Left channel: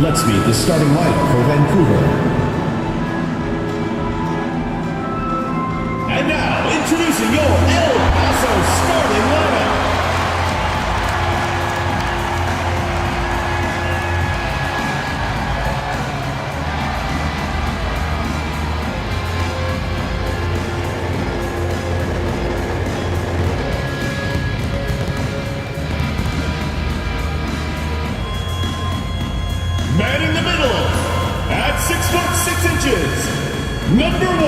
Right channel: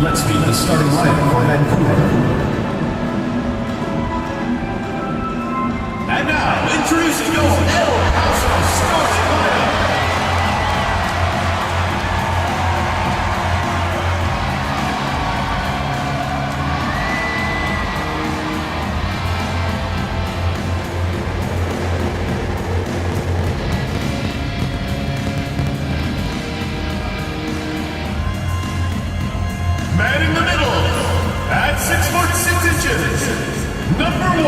Let's meet the starting lineup for Vancouver. And now, introducing your El Paso starting lineup. Man in the middle, at 6'6", number 1,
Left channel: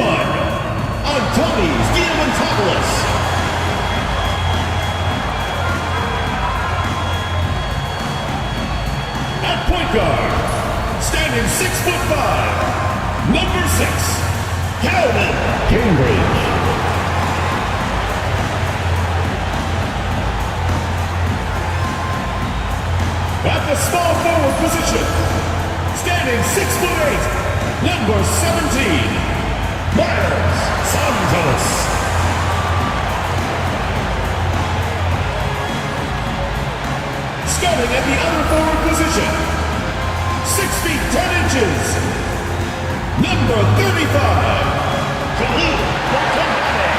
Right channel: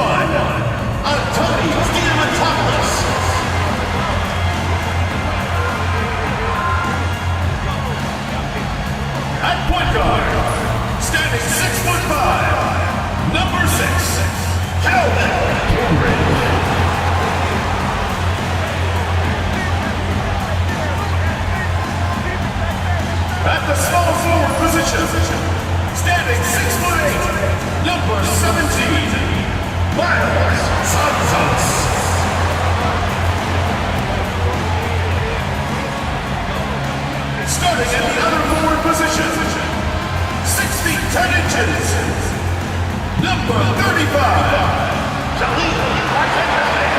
Antonis Diamantopoulos. At point guard, standing 6'5", number 6, Calvin Cambridge. At the small forward position, standing 6'8", number 17, Miles Santos. Starting at the other forward position, 6 feet 10 inches, number 35, Khalil Wakandame.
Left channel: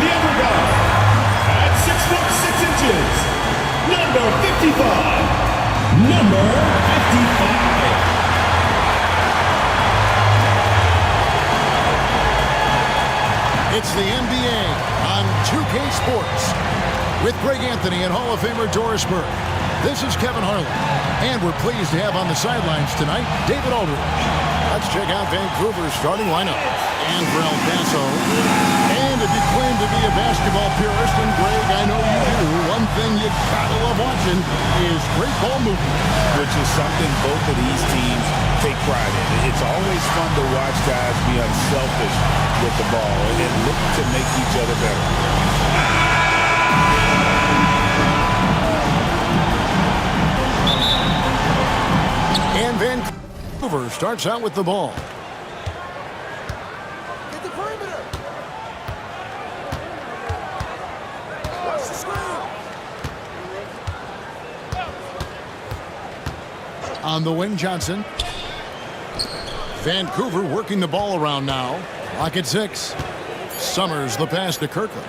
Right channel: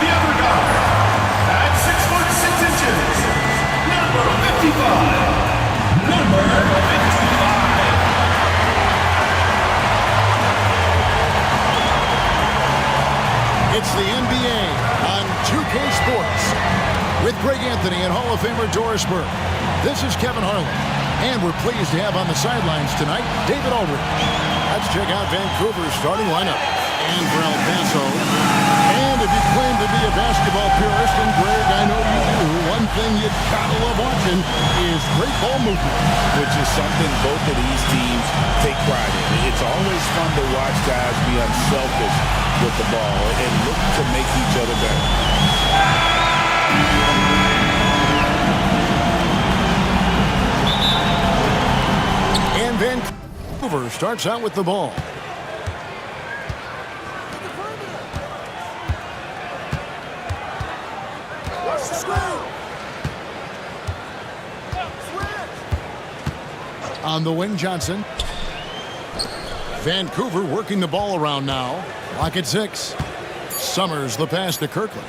The other guy, at 6'6", number 55. Number 55. It's the NBA on 2K Sports with Greg Anthony and Hall of Famer Doris Burke. This is Kevin Harlan, and we're pleased to have on the sidelines tonight David Aldridge. Let's check out Vancouver's starting lineup. And for El Paso, and if you claim to be a basketball purist, and Greg, I know you do, one thing you gotta love watching is great ball movement. Which is something both of these teams take pride in. It's always fun to watch guys be unselfish with the ball and look to make each other better. And Vancouver starts out with the ball. On the wing, Johnson. Vancouver working the ball around now. Clock at 6. Summers the pass to Kirkland.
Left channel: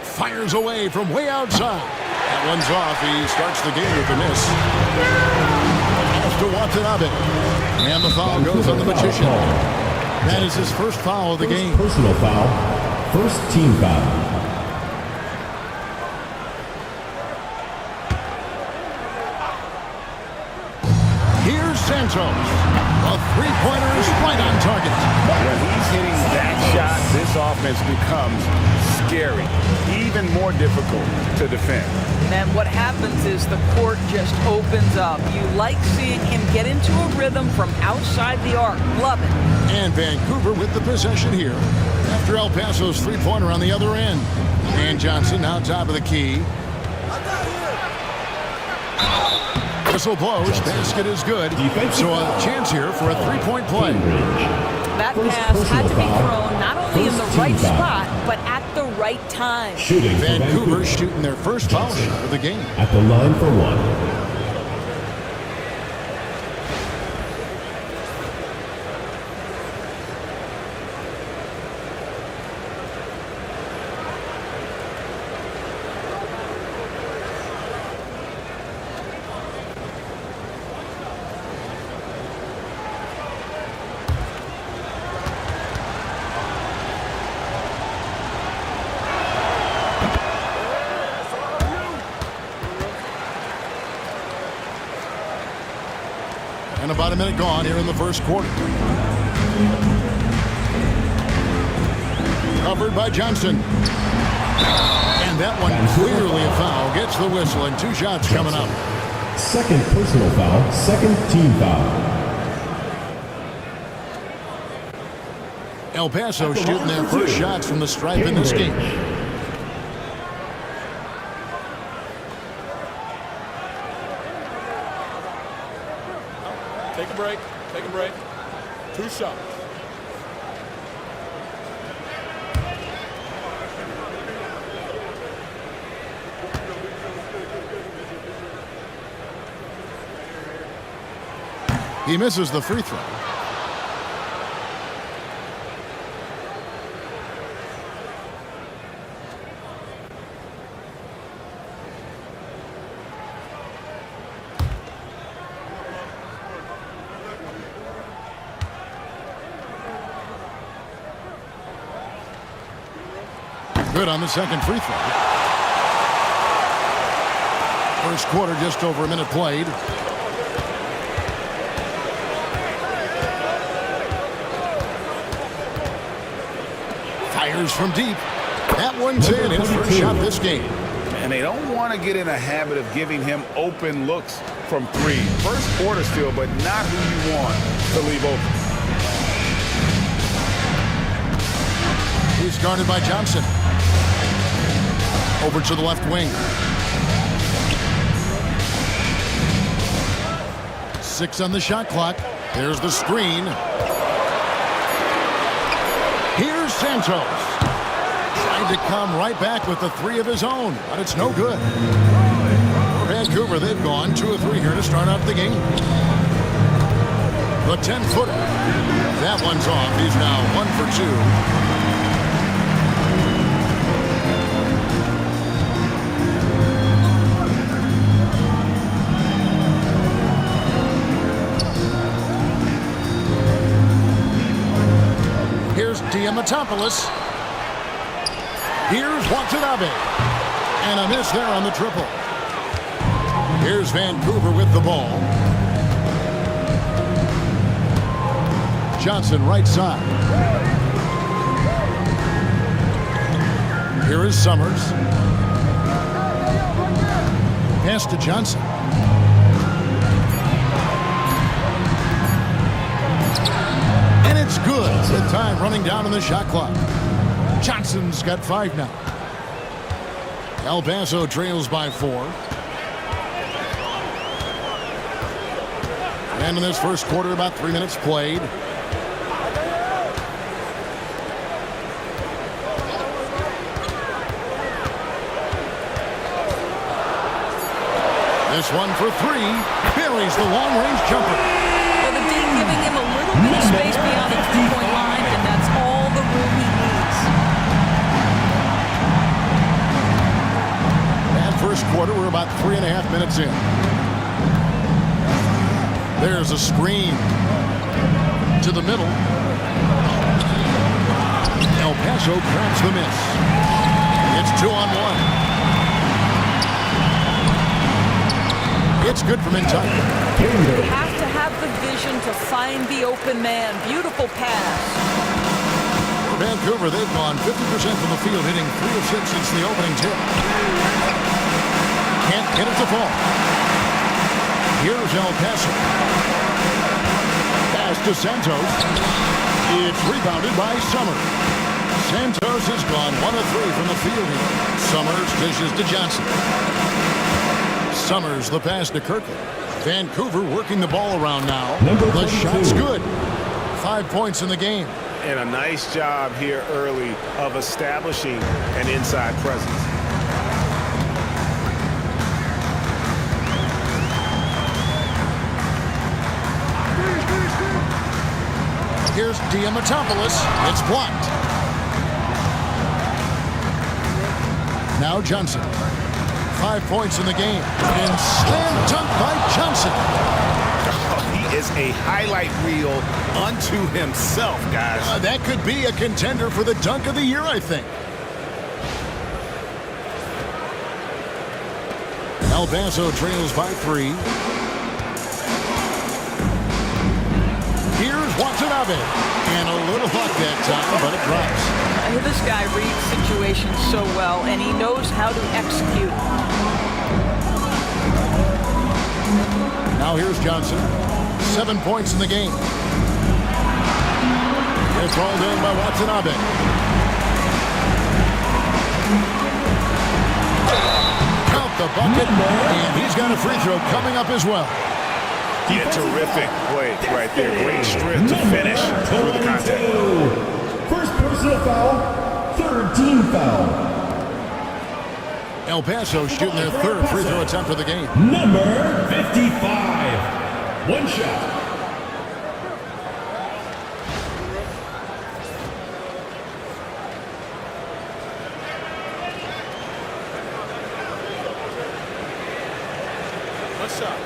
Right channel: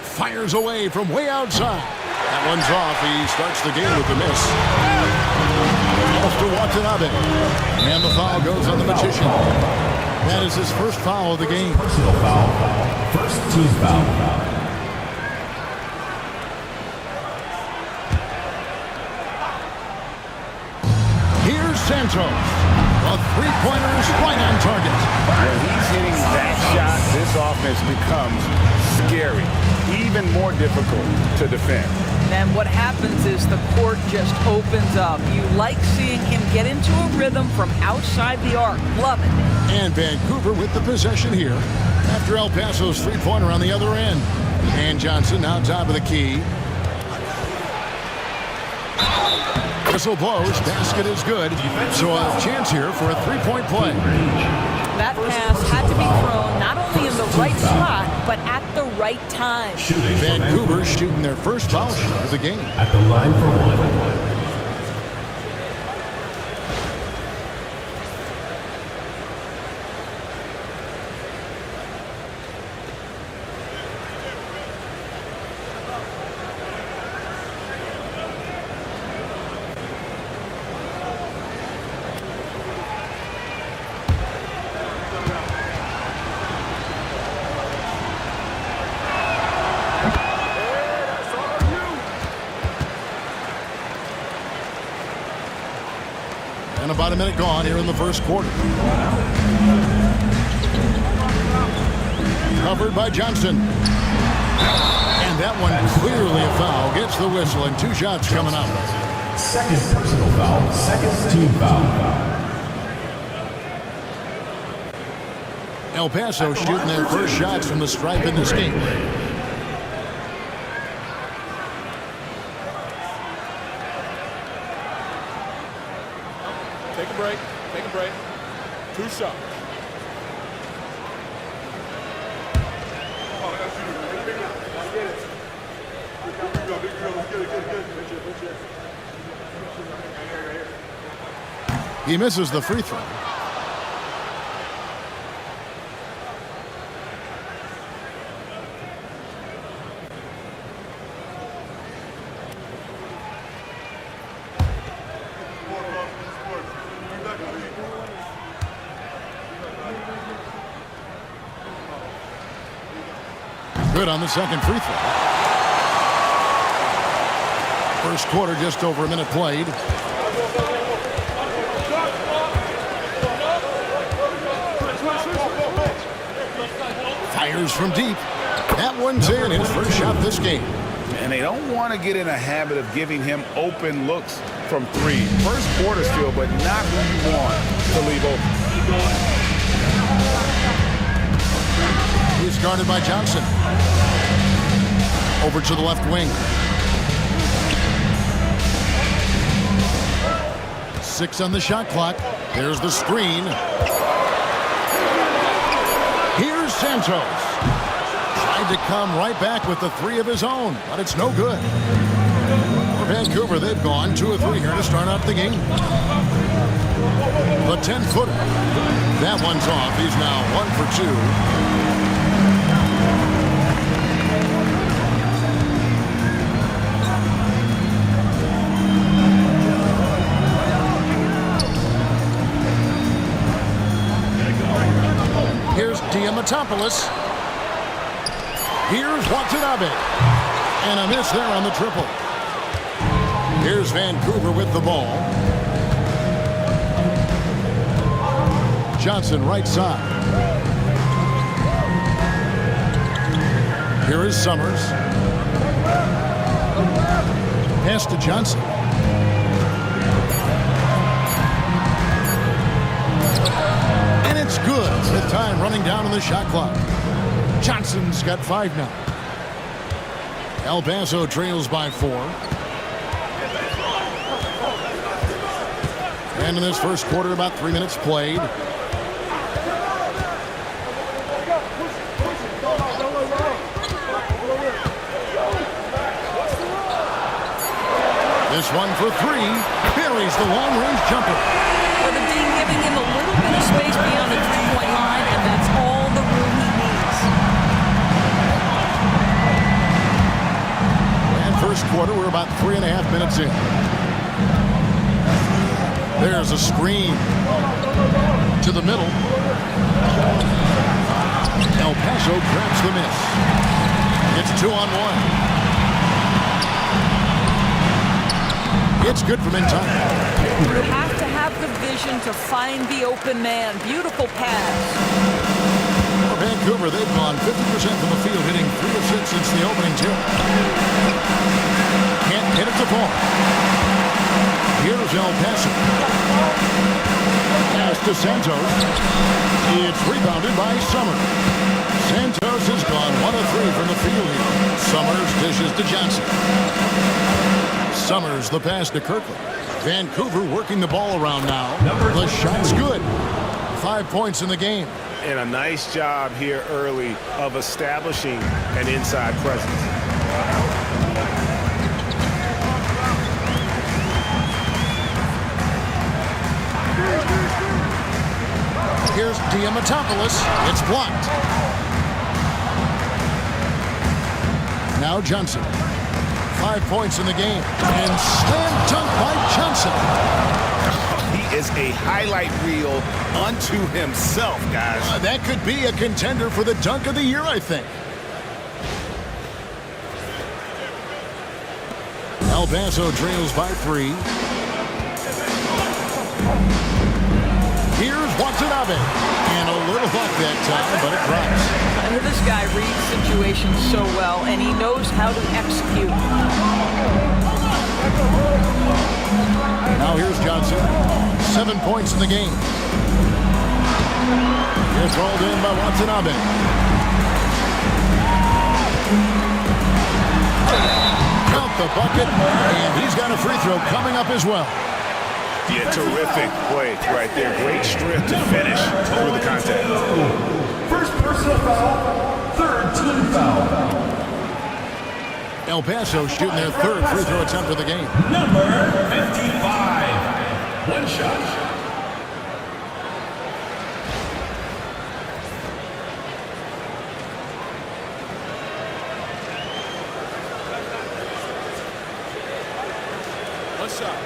Fires away from way outside. That one's off. He starts the game with a miss. Pass to Watanabe. And the foul goes on the Magician. That is his first foul of the game. Personal foul. First team foul. Here's Santos. The three-pointer is right on target. When he's hitting that shot, this offense becomes scary, even more difficult to defend. And what happens is the court just opens up. You like seeing him get into a rhythm from outside the arc. Love it. And Vancouver with the possession here after El Paso's three-pointer on the other end. And Johnson now top of the key. Whistle blows, basket is good, so a chance here for a three-point play. That pass had to be thrown not only in the right spot, but at the right time. Vancouver shooting their first foul shot of the game. At the line for one. And about a minute gone here in the first quarter. Covered by Johnson. And that one clearly a foul. Gets the whistle and 2 shots coming up. Second personal foul, second team foul. El Paso shooting their first shots from the stripe in this game. Take a break. Take a break. 2 shots. He misses the free throw. Good on the second free throw. First quarter, just over a minute played. Fires from deep. That one's in. His first shot this game. And they don't want to get in a habit of giving him open looks from three. First quarter still, but not who you want to leave open. He's guarded by Johnson. Over to the left wing. 6 on the shot clock. There's the screen. Here's Santos. Tried to come right back with the 3 of his own, but it's no good. For Vancouver, they've gone 2 of 3 here to start out the game. The 10-footer. That one's off. He's now 1 for 2. Here's Diamatopoulos. Here's Watanabe. And a miss there on the triple. Here's Vancouver with the ball. Johnson right side. Here is Summers. Pass to Johnson. And it's good with time running down on the shot clock. Johnson's got 5 now. El Paso trails by 4. And in this first quarter, about 3 minutes played. This one for 3. Buries the long-range jumper. Well, the D giving him a little bit of space beyond the three-point line, and that's all the room he needs. And first quarter, we're about 3.5 minutes in. There's a screen to the middle. El Paso traps the miss. It's 2-on-1. It's good from inside. You have to have the vision to find the open man. Beautiful pass. For Vancouver, they've gone 50% from the field, hitting 3 of 6 since the opening tip. Can't get it to fall. Here's El Paso. Pass to Santos. It's rebounded by Summers. Santos has gone 1 of 3 from the field here. Summers dishes to Johnson. Summers the pass to Kirkland. Vancouver working the ball around now. The shot's good. 5 points in the game. And a nice job here early of establishing an inside presence. Here's Diamatopoulos. It's blocked. Now Johnson. 5 points in the game. And slam dunk by Johnson. Oh, he is a highlight reel unto himself, guys. That could be a contender for the dunk of the year, I think. El Paso trails by 3. Here's Watanabe. And a little luck that time, but it drops. This guy reads situations so well, and he knows how to execute. Now here's Johnson. 7 points in the game. It's rolled in by Watanabe. Count the bucket, and he's got a free throw coming up as well. Yeah, terrific play right there. Great strength to finish through the contact. First personal foul, third team foul. El Paso shooting their third free throw attempt of the game. Number 55. One shot. One shot.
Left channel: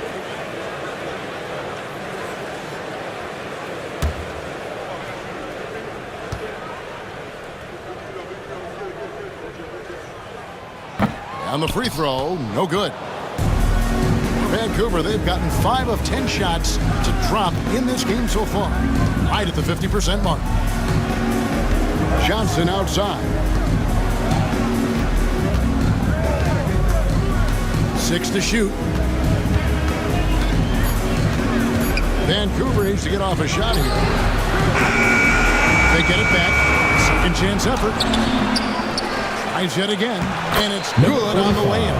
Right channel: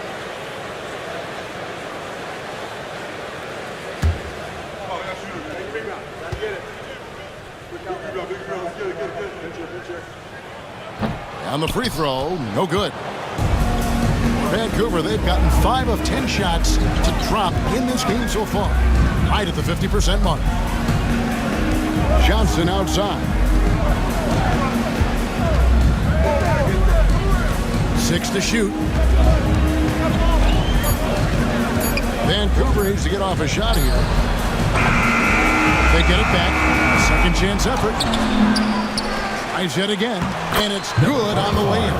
On the free throw, no good. Vancouver, they've gotten 5 of 10 shots to drop in this game so far. Right at the 50% mark. Johnson outside. 6 to shoot. Vancouver needs to get off a shot here. They get it back. Second chance effort. Tries yet again, and it's good on the way in.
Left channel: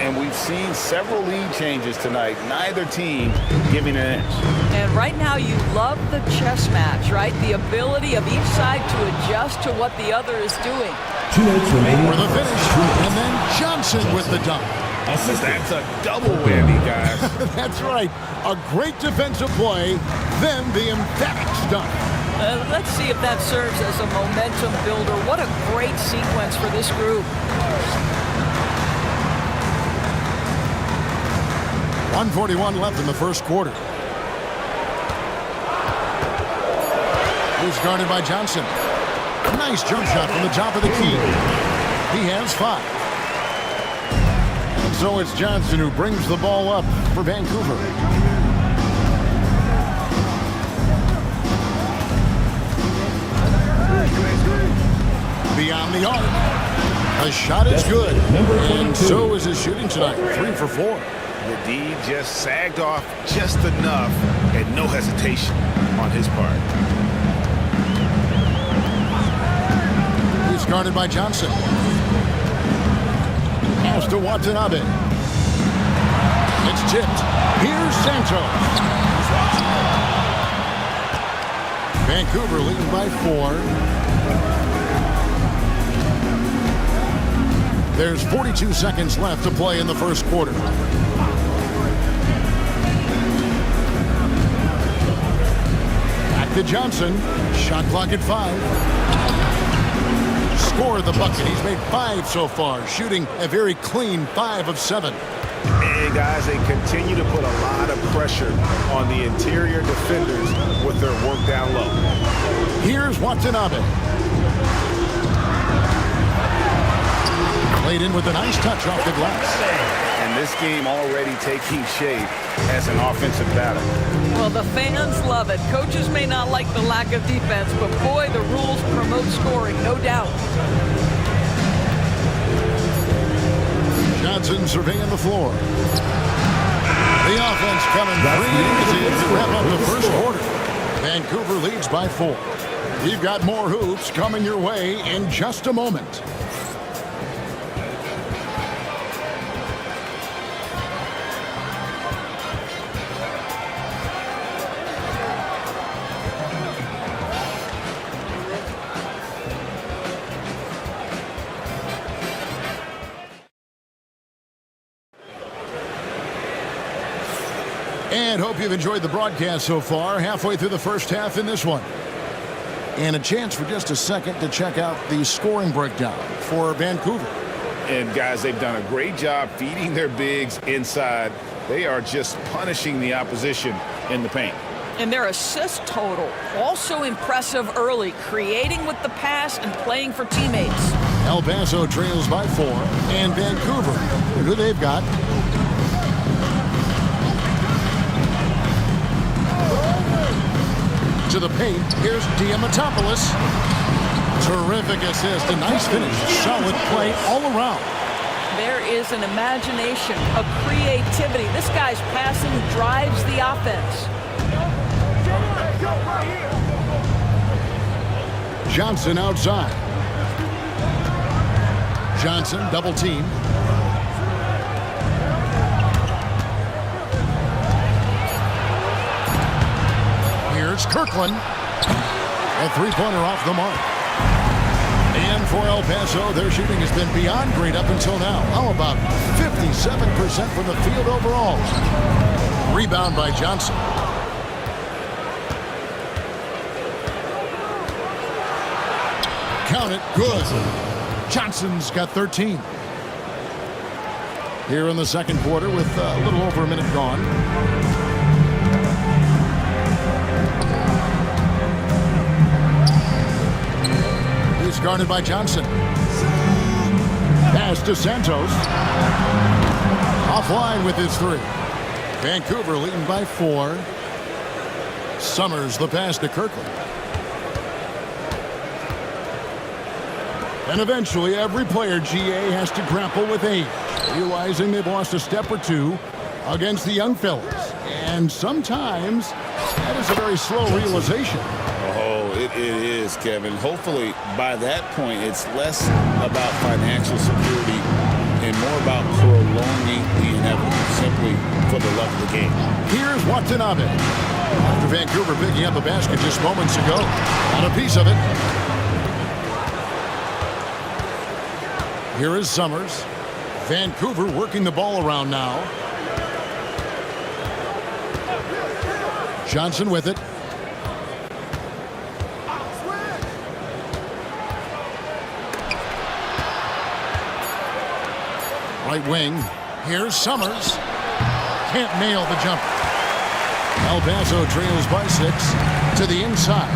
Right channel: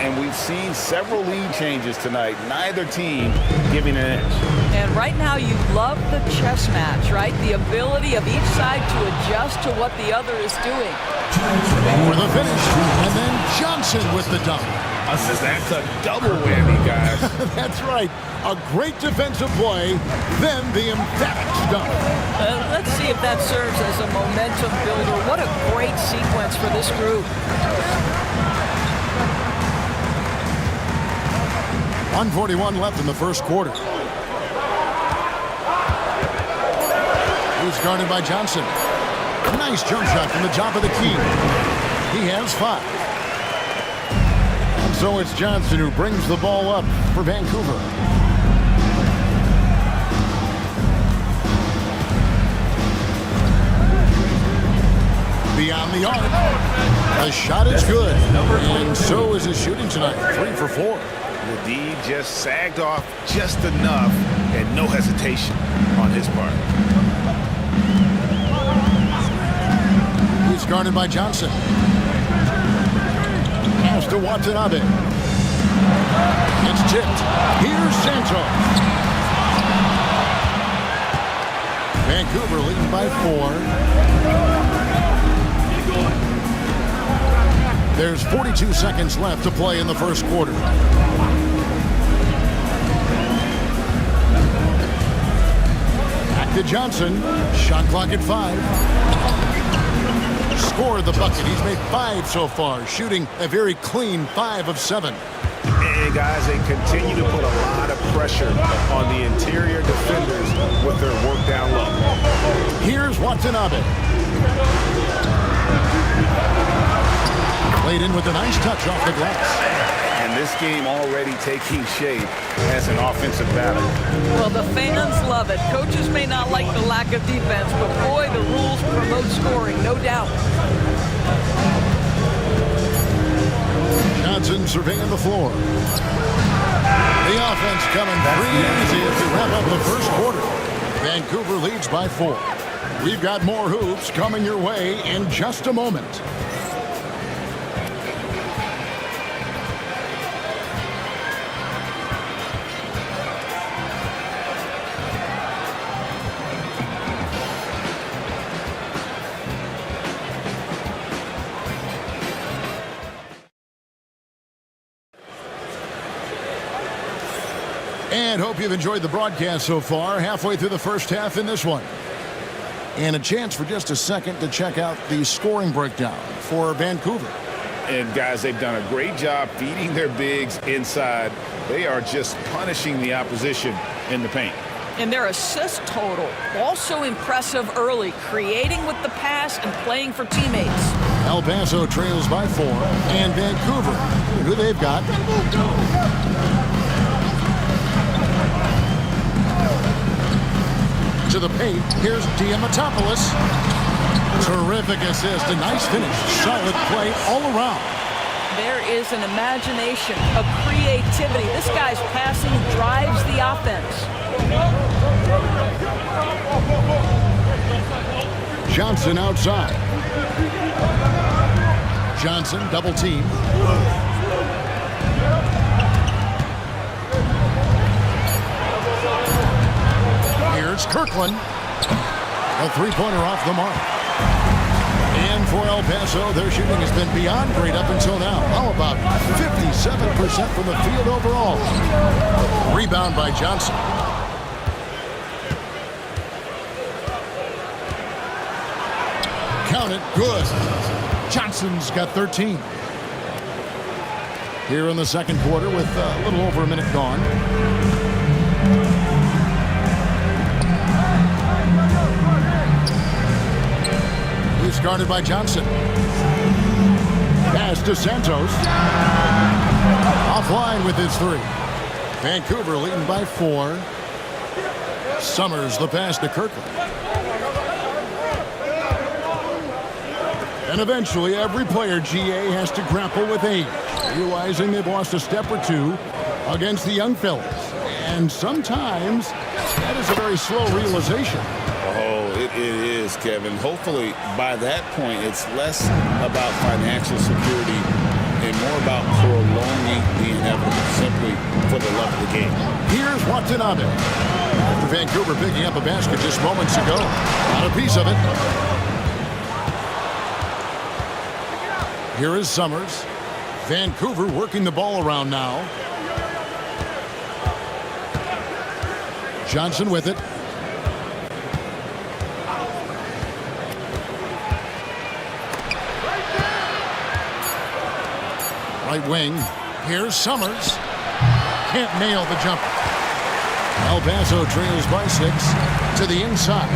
And we've seen several lead changes tonight. Neither team giving an inch. And right now you love the chess match, right? The ability of each side to adjust to what the other is doing. 2 minutes remaining. For the finish, and then Johnson with the dunk. That's a double whammy, guys. That's right. A great defensive play, then the emphatic dunk. Let's see if that serves as a momentum builder. What a great sequence for this group. 1:41 left in the first quarter. He's guarded by Johnson. Nice jump shot from the top of the key. He has 5. And so it's Johnson who brings the ball up for Vancouver. Beyond the arc. The shot is good. And so is his shooting tonight. 3 for 4. The D just sagged off just enough and no hesitation on his part. He's guarded by Johnson. Pass to Watanabe. It's tipped. Here's Santos. Vancouver leading by 4. There's 42 seconds left to play in the first quarter. Back to Johnson. Shot clock at 5. Scored the bucket. He's made 5 so far, shooting a very clean 5 of 7. And guys, they continue to put a lot of pressure on the interior defenders with their work down low. Here's Watanabe. Played in with a nice touch off the glass. And this game already taking shape as an offensive battle. Well, the fans love it. Coaches may not like the lack of defense, but boy, the rules promote scoring, no doubt. Johnson surveying the floor. The offense coming free easy as we wrap up the first quarter. Vancouver leads by 4. We've got more hoops coming your way in just a moment. And hope you've enjoyed the broadcast so far. Halfway through the first half in this one. And a chance for just a second to check out the scoring breakdown for Vancouver. And guys, they've done a great job feeding their bigs inside. They are just punishing the opposition in the paint. And their assist total, also impressive early, creating with the pass and playing for teammates. El Paso trails by 4. And Vancouver, who they've got. To the paint, here's Diamatopoulos. Terrific assist, a nice finish, solid play all around. There is an imagination, a creativity. This guy's passing drives the offense. Johnson outside. Johnson double team. Here's Kirkland. A three-pointer off the mark. And And for El Paso, their shooting has been beyond great up until now. How about 57% from the field overall? Rebound by Johnson. Count it. Good. Johnson's got 13. Here in the second quarter with a little over a minute gone. He's guarded by Johnson. Pass to Santos. Offline with his three. Vancouver leading by 4. Summers the pass to Kirkland. And eventually every player, GA, has to grapple with age, realizing they've lost a step or two against the young fellas. And sometimes that is a very slow realization. Oh, it is, Kevin. Hopefully, by that point, it's less about financial security and more about prolonging the inevitable, simply for the love of the game. Here's Watanabe. After Vancouver picking up a basket just moments ago. Got a piece of it. Here is Summers. Vancouver working the ball around now. Johnson with it. Right wing. Here's Summers. Can't nail the jumper. El Paso trails by 6 to the inside.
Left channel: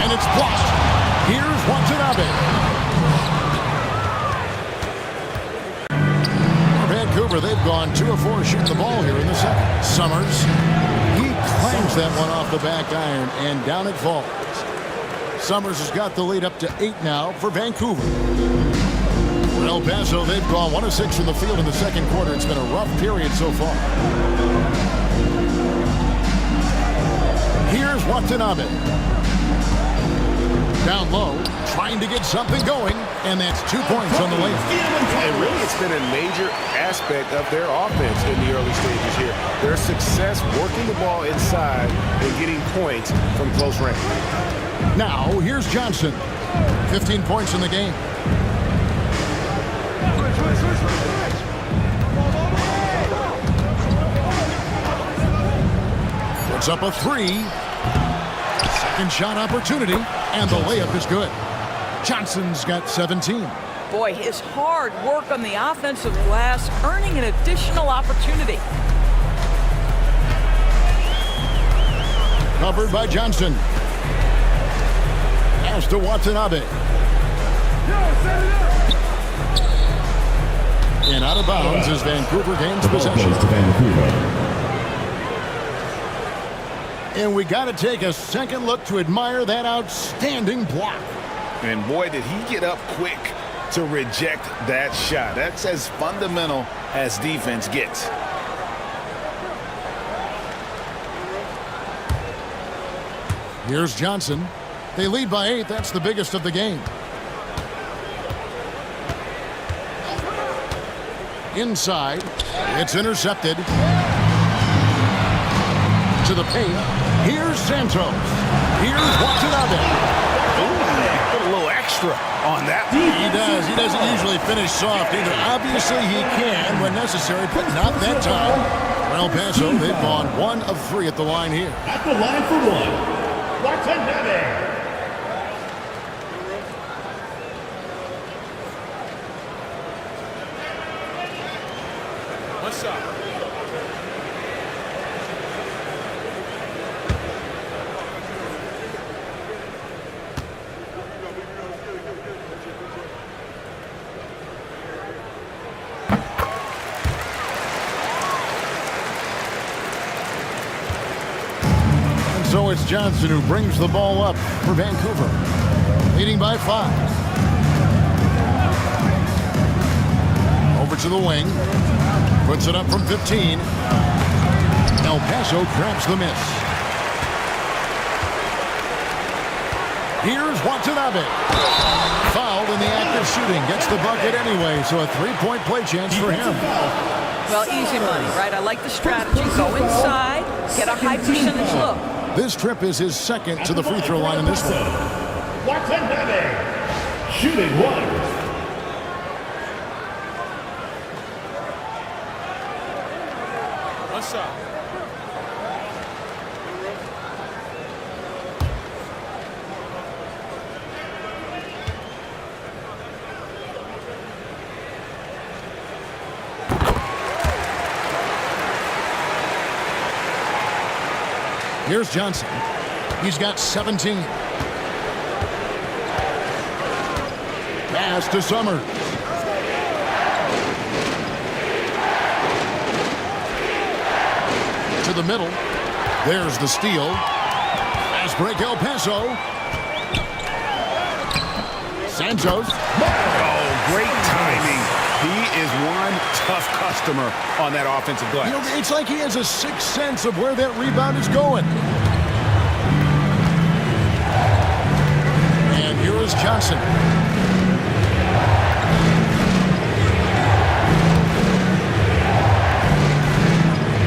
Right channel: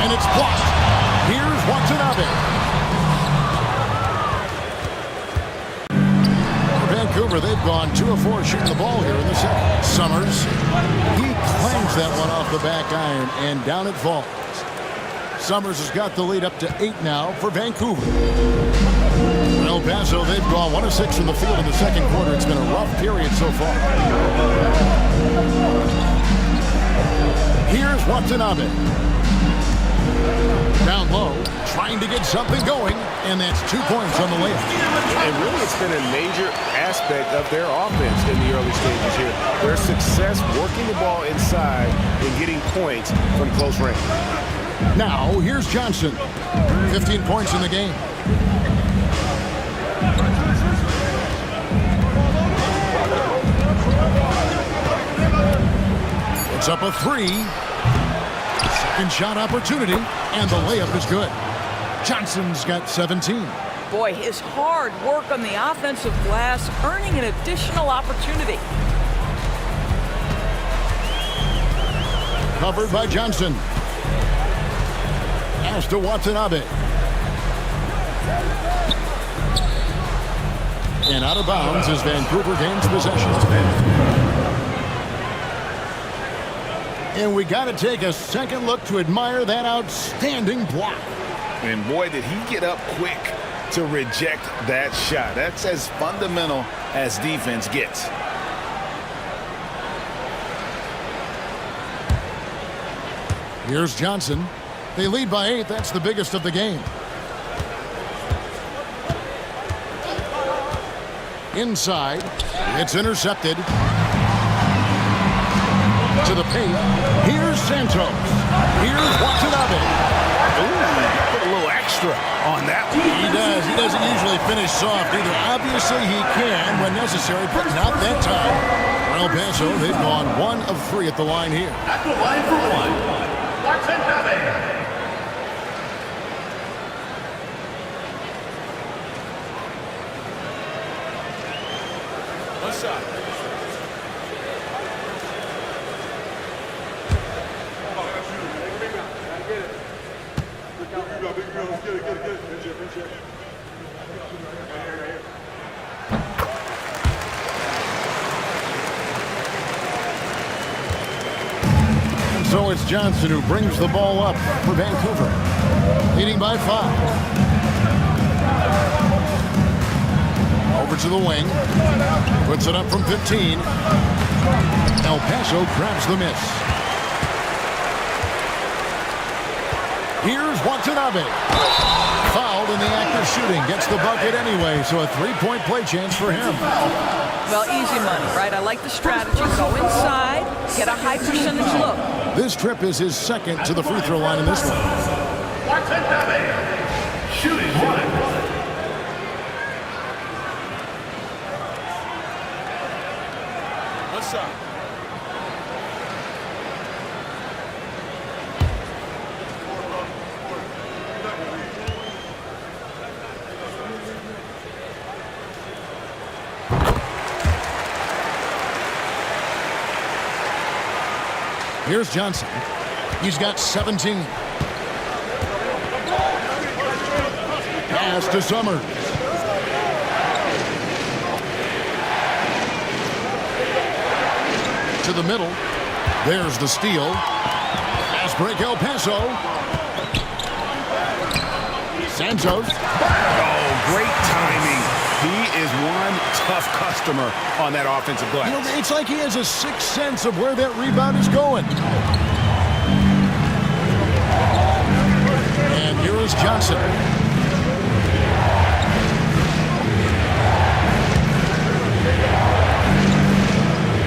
And it's blocked. Here's Watanabe. For Vancouver, they've gone 2 of 4 shooting the ball here in the second. Summers. He clangs that one off the back iron, and down it falls. Summers has got the lead up to 8 now for Vancouver. For El Paso, they've gone 1 of 6 from the field in the second quarter. It's been a rough period so far. Here's Watanabe. Down low, trying to get something going, and that's 2 points on the layup. And really, it's been a major aspect of their offense in the early stages here. Their success working the ball inside and getting points from close range. Now, here's Johnson. 15 points in the game. Puts up a 3. Second shot opportunity, and the layup is good. Johnson's got 17. Boy, his hard work on the offensive glass earning an additional opportunity. Covered by Johnson. Pass to Watanabe. And out of bounds as Vancouver gains possession. To Vancouver. And we got to take a second look to admire that outstanding block. And boy, did he get up quick to reject that shot. That's as fundamental as defense gets. Here's Johnson. They lead by 8. That's the biggest of the game. Inside. It's intercepted. To the paint. Here's Santos. Here's Watanabe. Ooh, he put a little extra on that one. He does. He doesn't usually finish soft either. Obviously, he can when necessary, but not that time. For El Paso, they've gone 1 of 3 at the line here. At the line for 1, Watanabe. One shot. And so it's Johnson who brings the ball up for Vancouver, leading by 5. Over to the wing, puts it up from 15. El Paso grabs the miss. Here's Watanabe. Fouled in the act of shooting. Gets the bucket anyway, so a 3-point play chance for him. Well, easy money, right? I like the strategy. Go inside, get a high percentage look. This trip is his second to the free throw line in this one. Watanabe. Shooting one. One shot. Here's Johnson. He's got 17. Pass to Summers. To the middle. There's the steal. Pass break El Paso. Santos. Oh, great timing. He is one tough customer on that offensive glass. You know, it's like he has a sixth sense of where that rebound is going. And here is Johnson.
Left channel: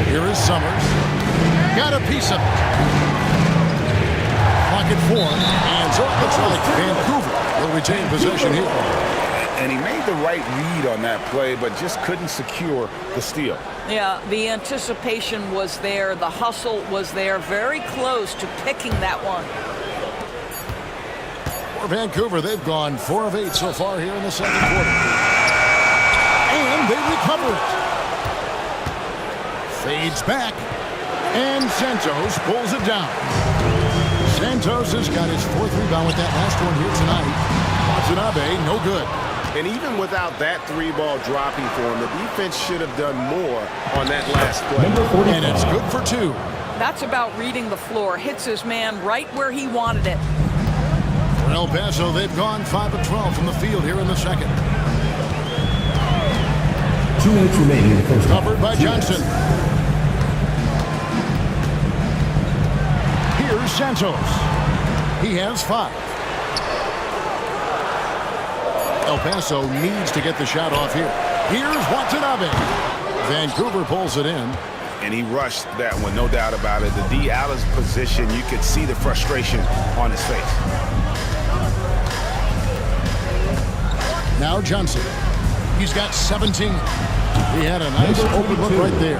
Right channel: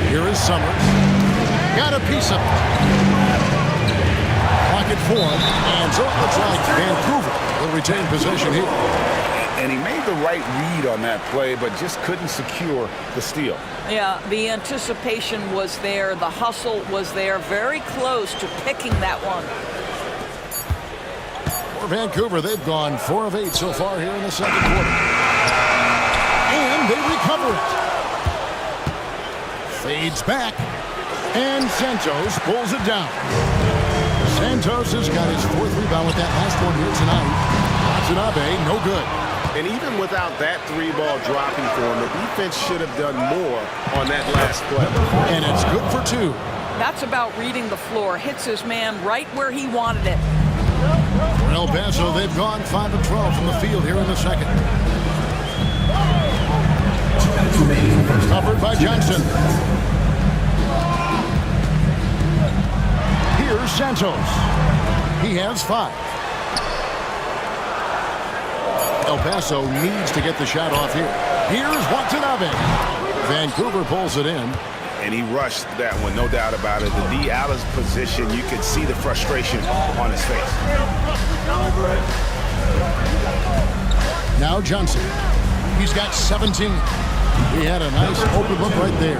Here is Summers. Got a piece of it. Clock at 4. And so it looks like Vancouver will retain possession here. And he made the right read on that play, but just couldn't secure the steal. Yeah, the anticipation was there. The hustle was there. Very close to picking that one. For Vancouver, they've gone 4 of 8 so far here in the second quarter. And they recover it. Fades back. And Santos pulls it down. Santos has got his 4th rebound with that last one here tonight. Watanabe, no good. And even without that 3-ball dropping for him, the defense should have done more on that last play. And it's good for 2. That's about reading the floor. Hits his man right where he wanted it. For El Paso, they've gone 5 of 12 from the field here in the second. 2 minutes remaining in the first. Covered by Johnson. Here's Santos. He has 5. El Paso needs to get the shot off here. Here's Watanabe. Vancouver pulls it in. And he rushed that one, no doubt about it. The D out of position, you could see the frustration on his face. Now Johnson. He's got 17. He had a nice open look right there.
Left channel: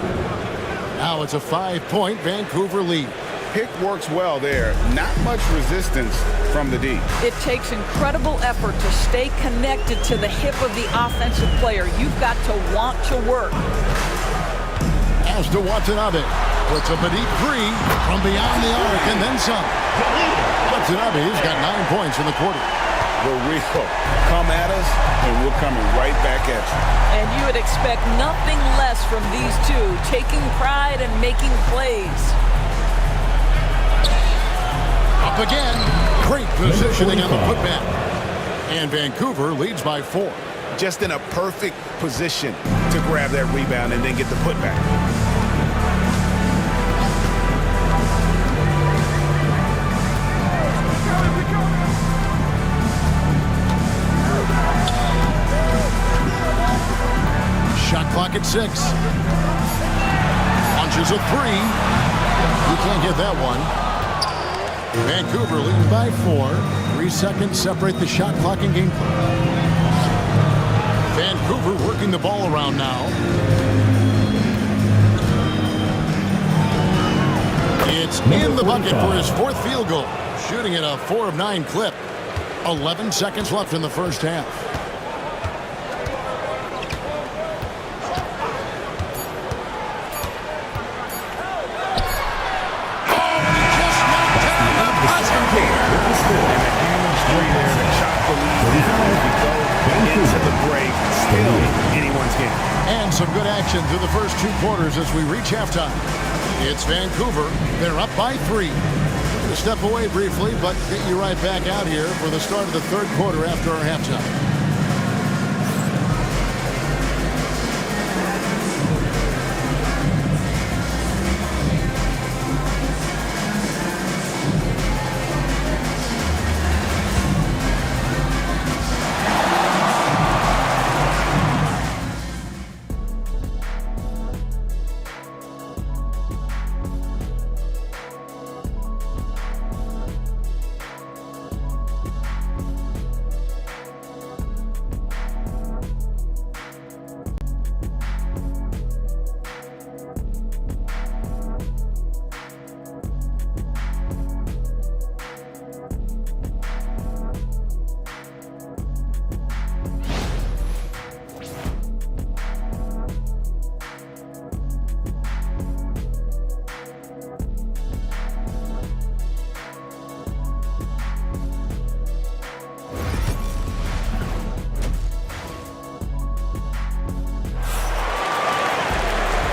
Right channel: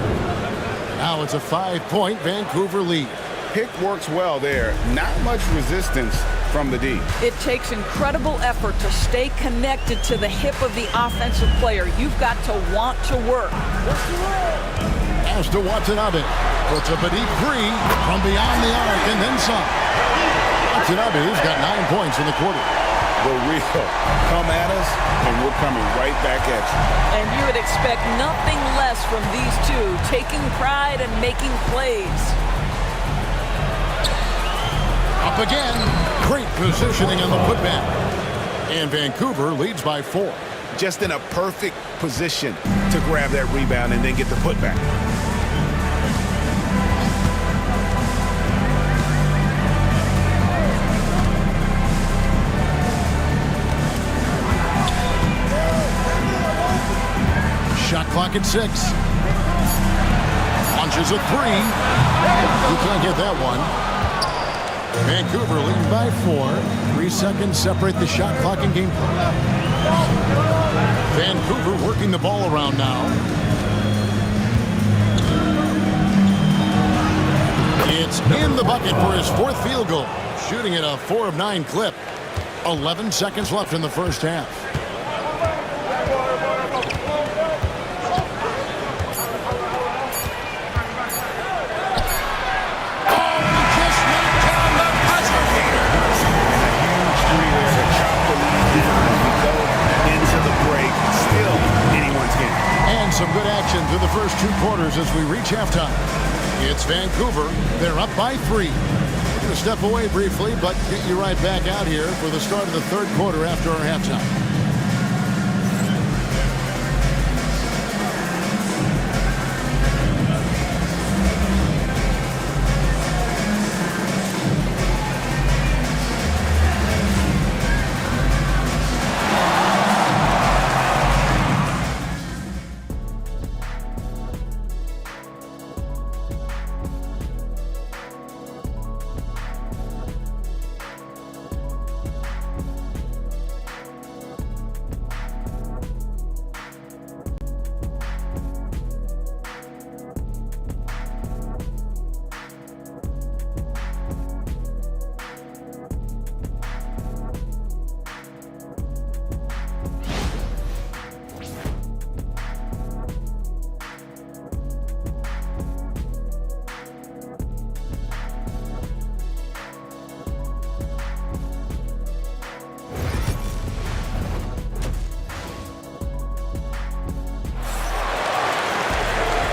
Now it's a 5-point Vancouver lead. Pick works well there. Not much resistance from the D. It takes incredible effort to stay connected to the hip of the offensive player. You've got to want to work. As to Watanabe. Puts up a deep 3 from beyond the arc and then some. Watanabe's got 9 points in the quarter. The real come at us, and we're coming right back at you. And you would expect nothing less from these two, taking pride and making plays. Up again. Great positioning on the putback. And Vancouver leads by 4. Just in a perfect position to grab that rebound and then get the putback. Shot clock at 6. Launches a 3. You can't get that one. Vancouver leading by 4. 3 seconds separate the shot clock and game clock. Vancouver working the ball around now. It's in the bucket for his 4th field goal. Shooting at a 4 of 9 clip. 11 seconds left in the first half. And a huge 3 there to chop the lead down as we go into the break. Still anyone's game. And some good action through the first 2 quarters as we reach halftime. It's Vancouver. They're up by 3. We're going to step away briefly, but get you right back out here for the start of the 3rd quarter after our halftime.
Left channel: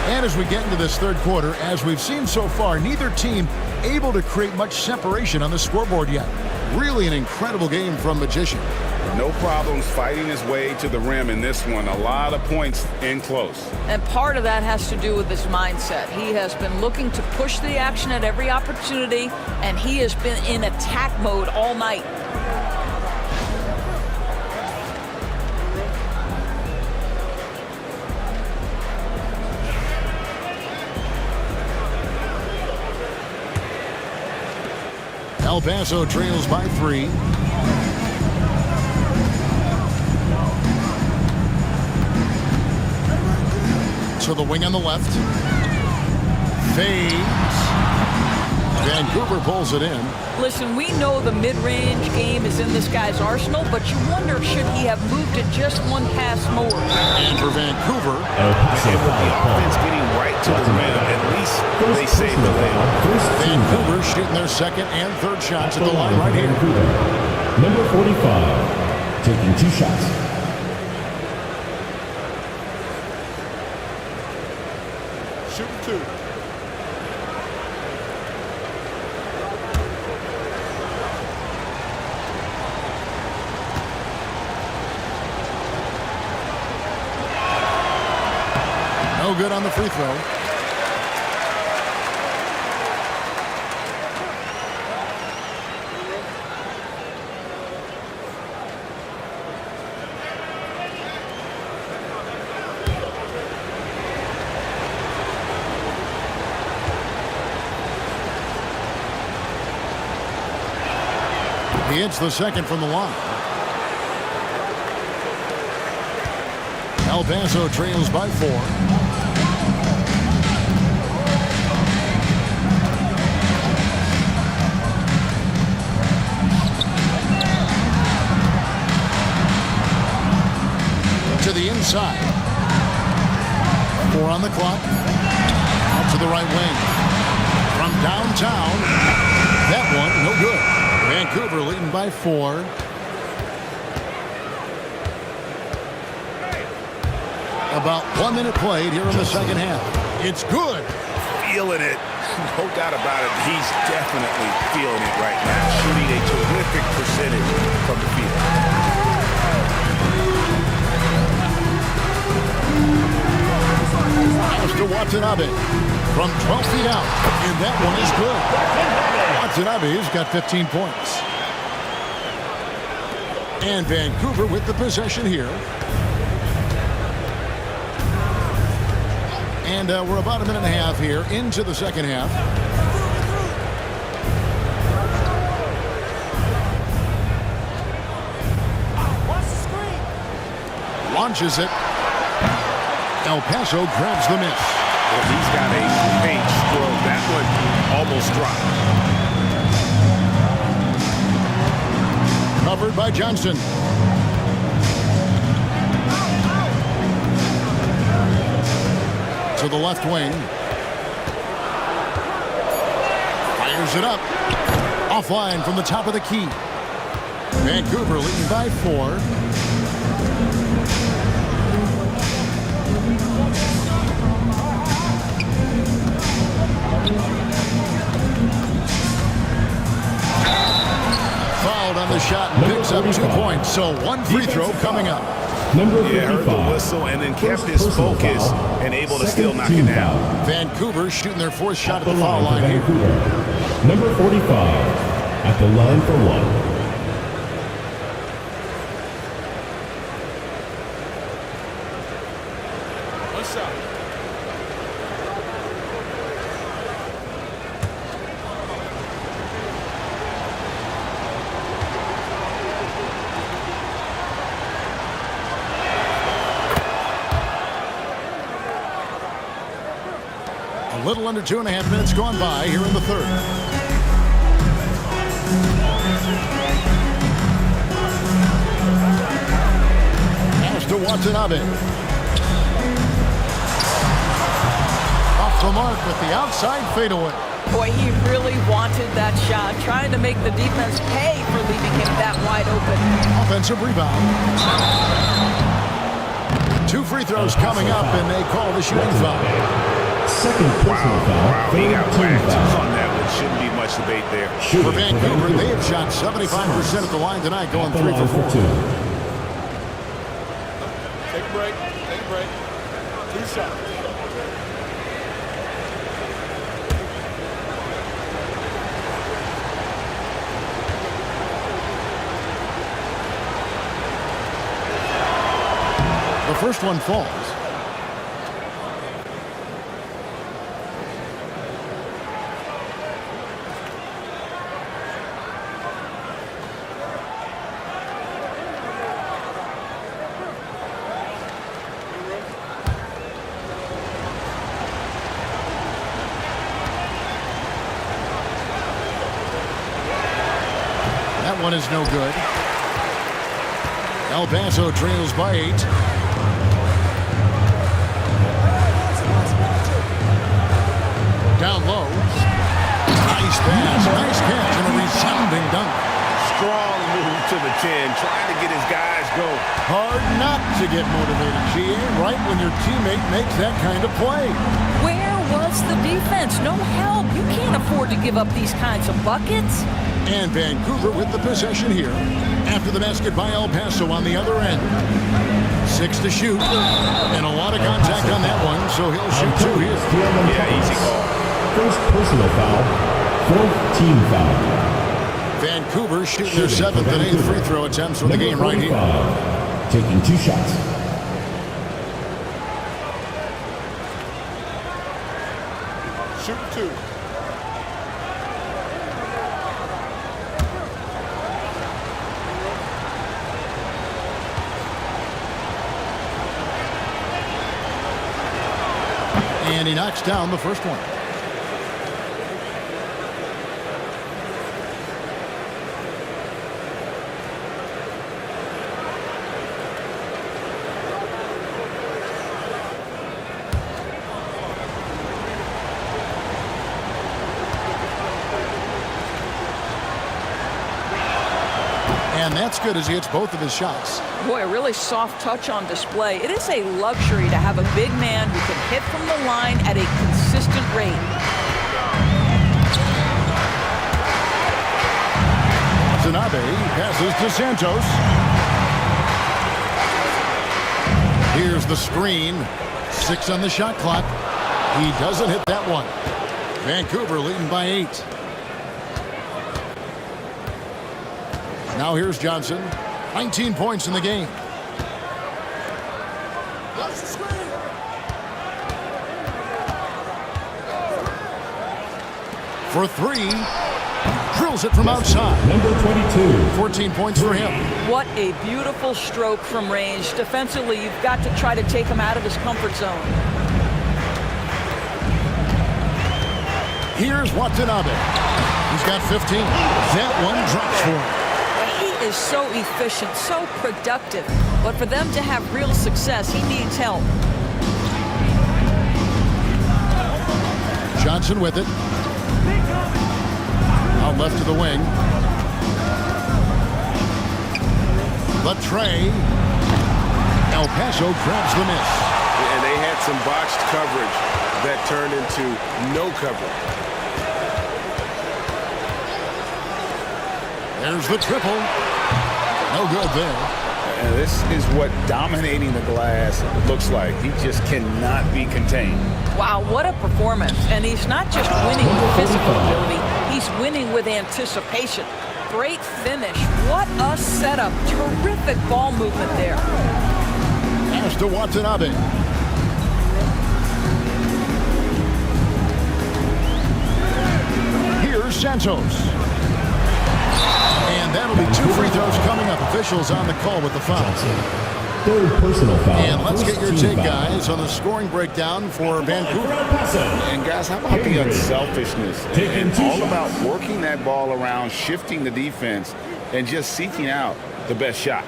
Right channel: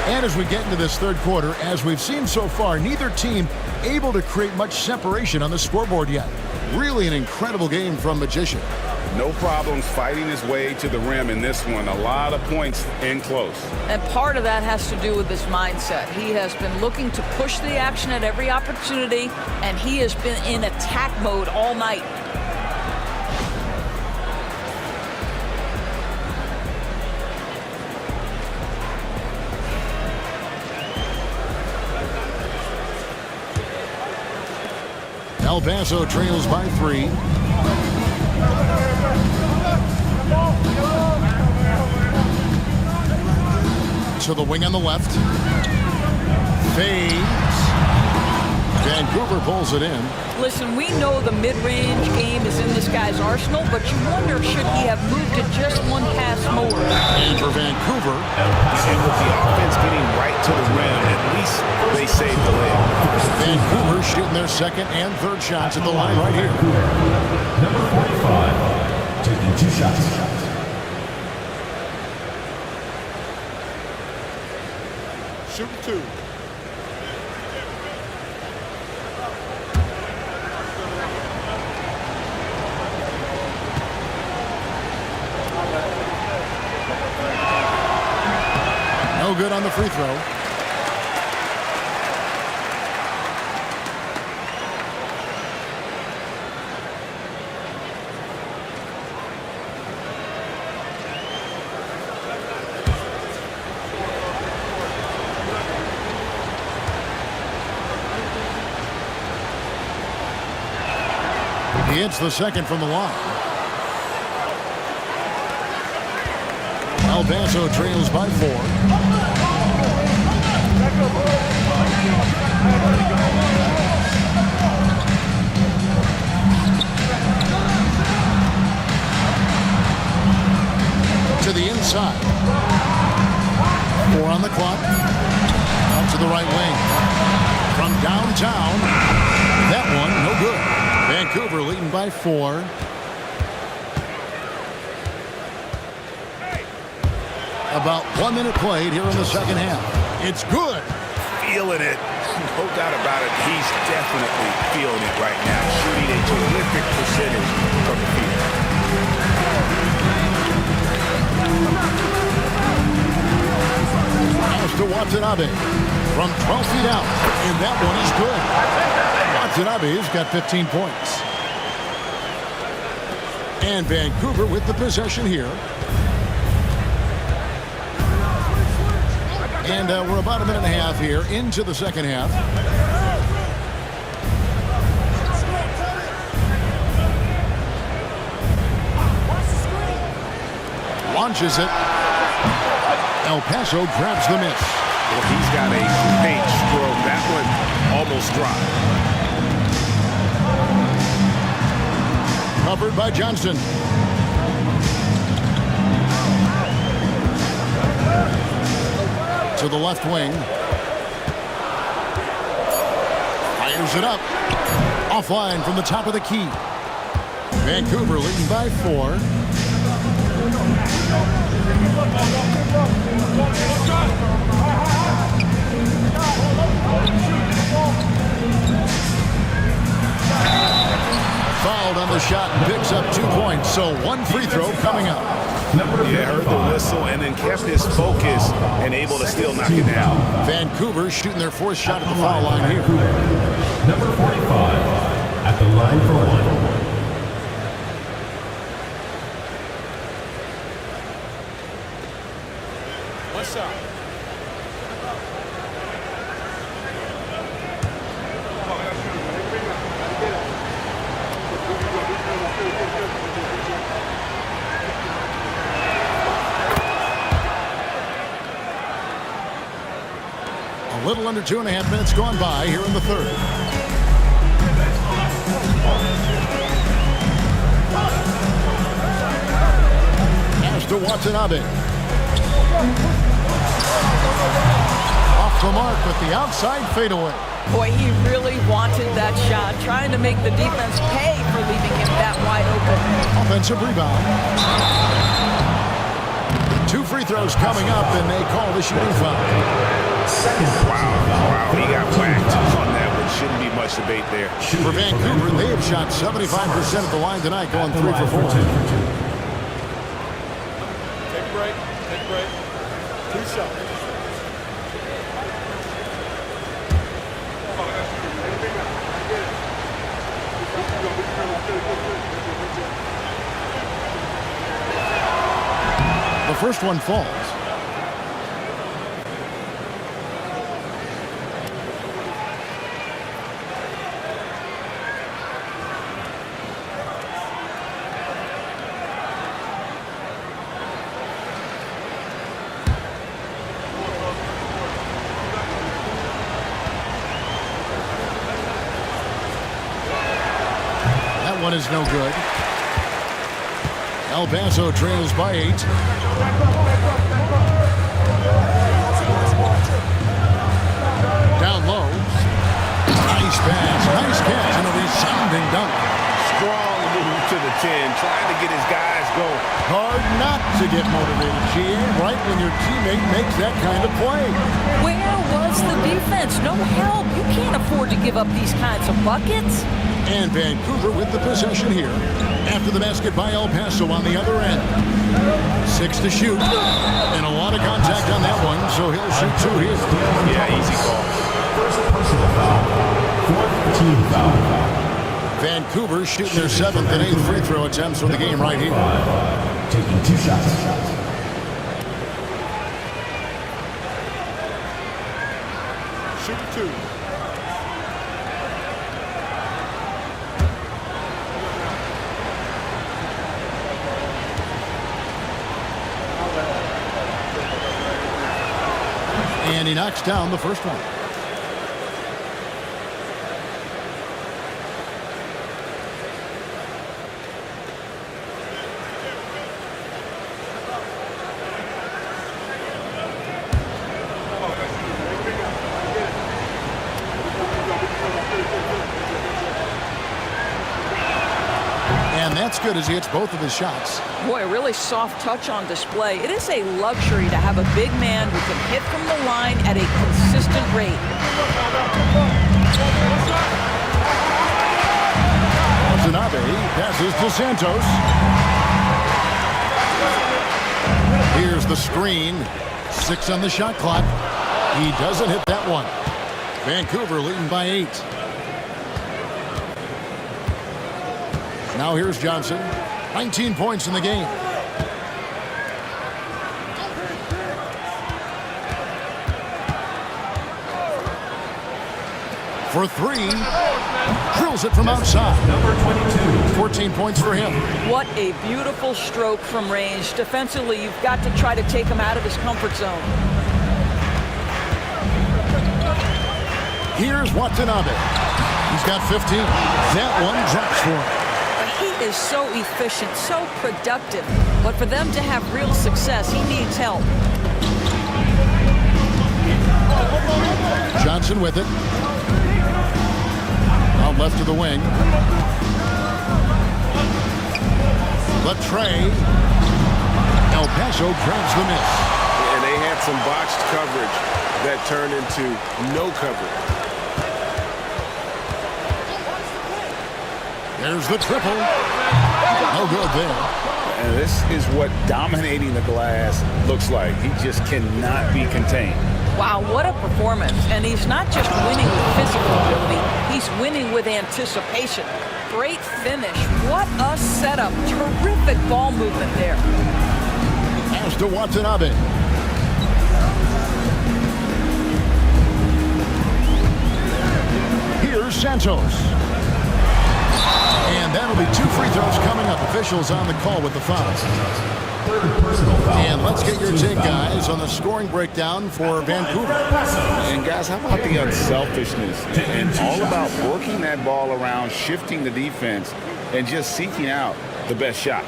And as we get into this third quarter, as we've seen so far, neither team able to create much separation on the scoreboard yet. Really an incredible game from Magician. No problems fighting his way to the rim in this one. A lot of points in close. And part of that has to do with his mindset. He has been looking to push the action at every opportunity, and he has been in attack mode all night. El Paso trails by 3. To the wing on the left. Fades. Vancouver pulls it in. Listen, we know the mid-range game is in this guy's arsenal, but you wonder, should he have moved it just one pass more? And for Vancouver. And with the offense getting right to the rim, at least they saved the layup. Vancouver shooting their second and third shots at the line right here. Number 45, taking 2 shots. Shooting 2. No good on the free throw. He hits the second from the line. El Paso trails by 4. To the inside. 4 on the clock. Out to the right wing. From downtown. That one, no good. Vancouver leading by 4. About 1 minute played here in the second half. It's good. Feeling it. No doubt about it. He's definitely feeling it right now. Shooting a terrific percentage from the field. Pass to Watanabe from 12 feet out, and that one is good. Watanabe's got 15 points. And Vancouver with the possession here. And we're about a minute and a half here into the second half. Launches it. El Paso grabs the miss. Well, he's got a great stroke. That one almost dropped. Covered by Johnson. To the left wing. Fires it up. Offline from the top of the key. Vancouver leading by 4. Fouled on the shot and picks up 2 points. So 1 free throw coming up. Number 55. Yeah, heard the whistle and then kept his focus and able to still knock it down. Vancouver shooting their 4th shot at the foul line here. Number 45 at the line for 1. One shot. A little under 2.5 minutes gone by here in the third. Pass to Watanabe. Off the mark with the outside fadeaway. Boy, he really wanted that shot, trying to make the defense pay for leaving him that wide open. Offensive rebound. 2 free throws coming up, and they call the shooting foul. Second personal foul. Wow, he got third team whacked foul. on that one. Shouldn't be much debate there. For Vancouver, they have shot 75% at the line tonight, going 3 for 4. Take a break. Take a break. 2 shots. The first one falls. That one is no good. El Paso trails by 8. Down low. Nice pass, nice catch, and a resounding dunk. Strong move to the 10, trying to get his guys going. Hard not to get motivated, GA, right when your teammate makes that kind of play. Where was the defense? No help. You can't afford to give up these kinds of buckets. And Vancouver with the possession here. After the basket by El Paso on the other end. 6 to shoot. And a lot of contact on that one, so he'll shoot 2 here. Yeah, easy call. First personal foul. Fourth team foul. Vancouver shooting their 7th and 8th free throw attempts for the game right here. Taking 2 shots. Shooting 2. And he knocks down the first one. And that's good as he hits both of his shots. Boy, a really soft touch on display. It is a luxury to have a big man who can hit from the line at a consistent rate. Watanabe passes to Santos. Here's the screen. 6 on the shot clock. He doesn't hit that one. Vancouver leading by 8. Now here's Johnson. 19 points in the game. For 3. Drills it from outside. Number 22. 14 points for him. What a beautiful stroke from range. Defensively, you've got to try to take him out of his comfort zone. Here's Watanabe. He's got 15. That one drops for him. He is so efficient, so productive. But for them to have real success, he needs help. Johnson with it. Out left to the wing. The tray. El Paso grabs the miss. And they had some botched coverage that turned into no coverage. There's the triple. No good there. And this is what dominating the glass looks like. He just cannot be contained. Wow, what a performance. And he's not just winning with physical ability, he's winning with anticipation. Great finish. What a setup. Terrific ball movement there. Pass to Watanabe. Here's Santos. And that'll be 2 free throws coming up. Officials on the call with the foul. Third personal foul. And let's get your First team take, foul. guys, on the scoring breakdown for Vancouver. And guys, how about the unselfishness and all about working that ball around, shifting the defense, and just seeking out the best shot.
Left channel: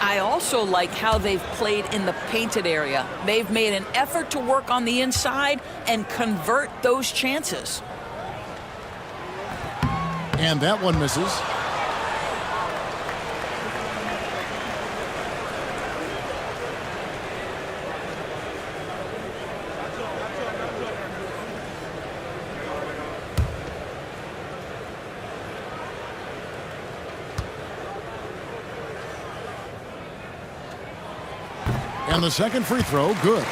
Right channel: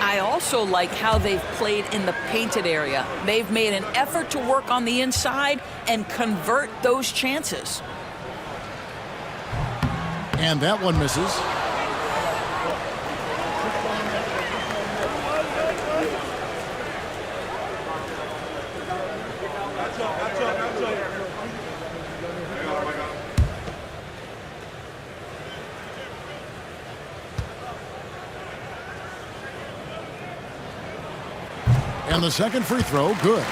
I also like how they've played in the painted area. They've made an effort to work on the inside and convert those chances. And that one misses. And the second free throw, good.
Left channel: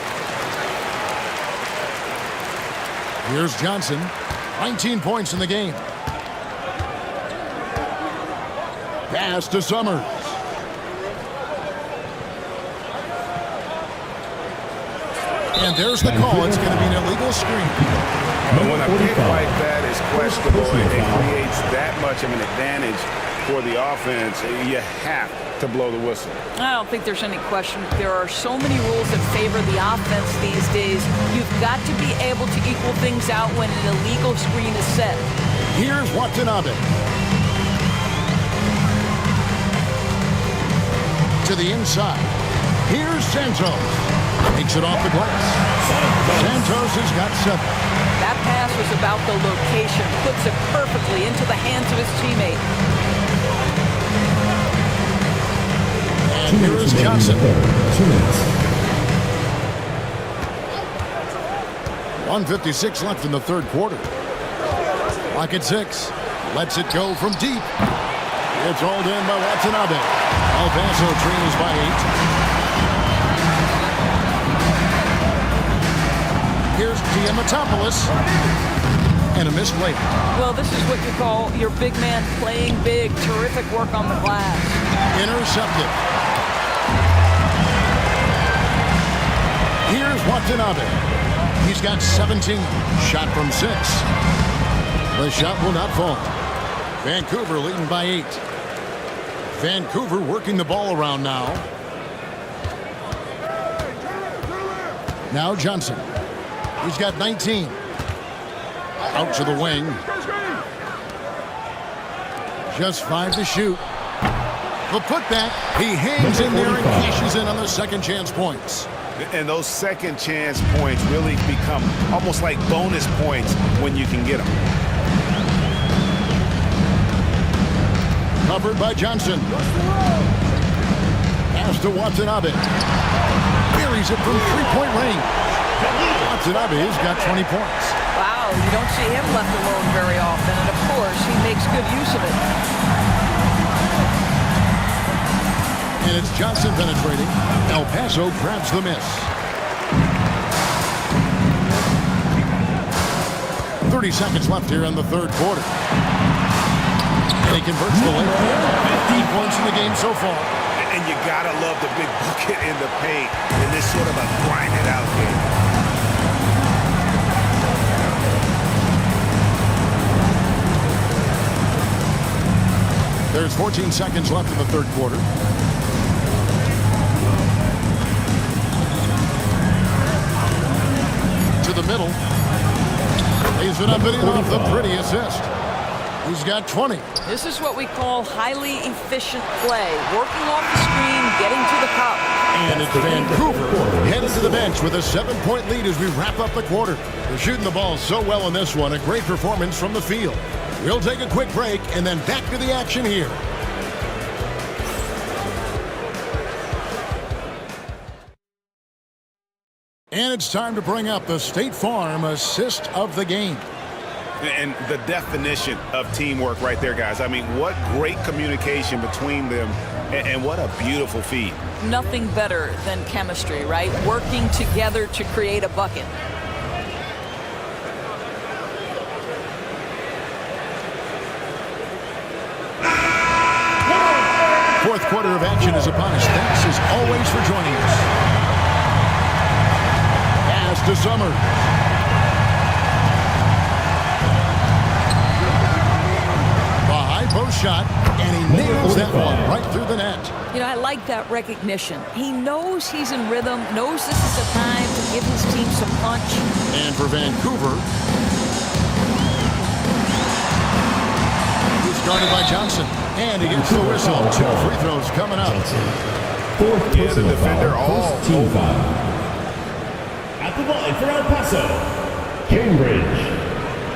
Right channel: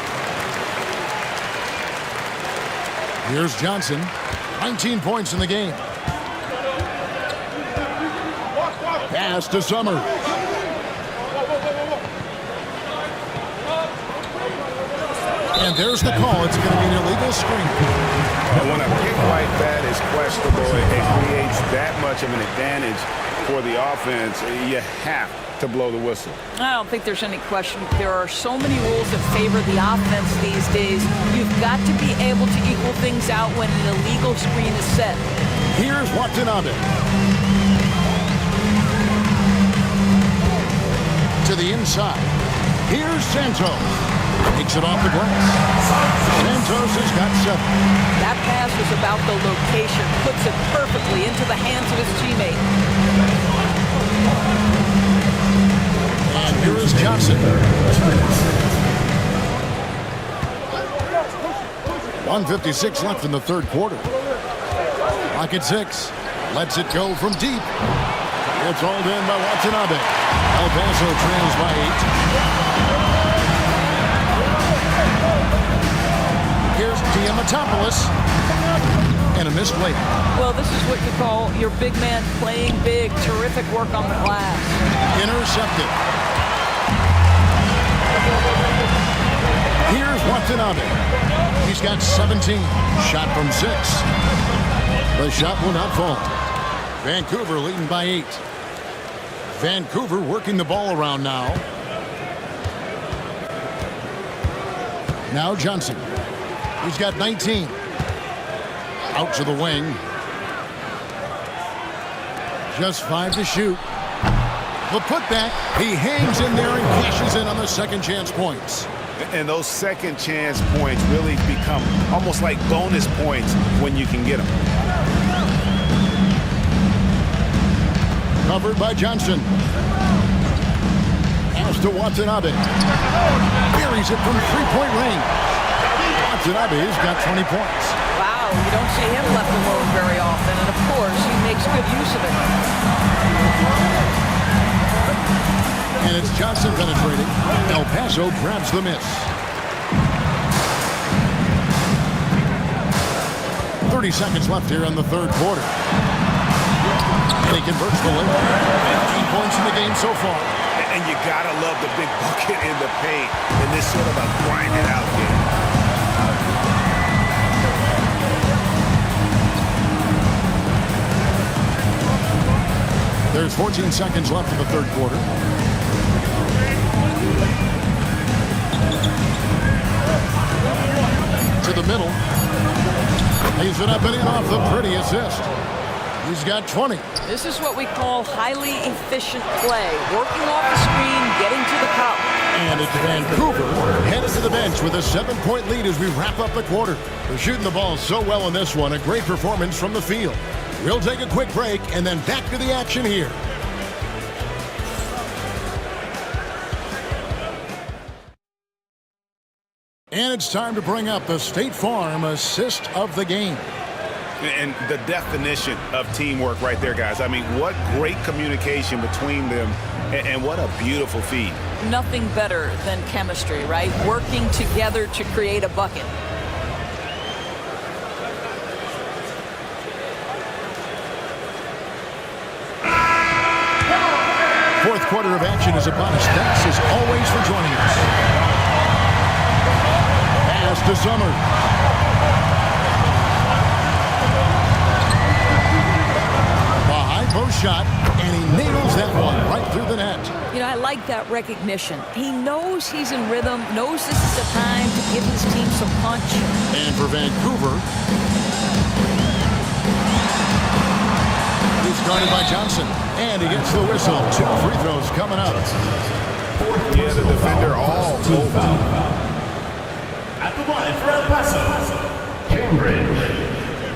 Here's Johnson, 19 points in the game. Pass to Summers. And there's the call. It's going to be an illegal screen. When a pick like that is questionable, it creates that much of an advantage for the offense. You have to blow the whistle. I don't think there's any question. There are so many rules that favor the offense these days. You've got to be able to equal things out when an illegal screen is set. Here's Watanabe. To the inside. Here's Santos. Makes it off the glass. Santos has got 7. That pass was about the location. Puts it perfectly into the hands of his teammate. And here is Johnson. 2 minutes. 1:56 left in the third quarter. Clock at 6. Lets it go from deep. It's rolled in by Watanabe. El Paso trails by 8. Here's Diamatopoulos. And a missed layup. Well, this is what you call your big man playing big. Terrific work on the glass. Intercepted. Here's Watanabe. He's got 17. Shot from 6. The shot will not fall. Vancouver leading by 8. Vancouver working the ball around now. Now Johnson. He's got 19. Out to the wing. Just 5 to shoot. The putback. He hangs in there and cashes in on the second chance points. And those second chance points really become almost like bonus points when you can get them. Covered by Johnson. Pass to Watanabe. Buries it from three-point range. Watanabe's got 20 points. Wow, you don't see him left alone very often, and of course, he makes good use of it. And it's Johnson penetrating. El Paso grabs the miss. 30 seconds left here in the third quarter. And he converts the layup. 15 points in the game so far. And you gotta love the big bucket in the paint in this sort of a grinded out game. There's 14 seconds left in the third quarter. To the middle. Lays it up and in off the pretty assist. He's got 20. This is what we call highly efficient play. Working off the screen, getting to the cup. And it's Vancouver headed to the bench with a 7-point lead as we wrap up the quarter. They're shooting the ball so well in this one. A great performance from the field. We'll take a quick break and then back to the action here. And it's time to bring up the State Farm assist of the game. And the definition of teamwork right there, guys. I mean, what great communication between them, and what a beautiful feed. Nothing better than chemistry, right? Working together to create a bucket. Fourth quarter of action is upon us. Thanks as always for joining us. Pass to Summers. The high post shot, and he nails that one right through the net. You know, I like that recognition. He knows he's in rhythm, knows this is the time to give his team some punch. And for Vancouver, he's guarded by Johnson. And he gets the whistle. 2 free throws coming up. Yeah, the defender all over. At the line for El Paso, Cambridge.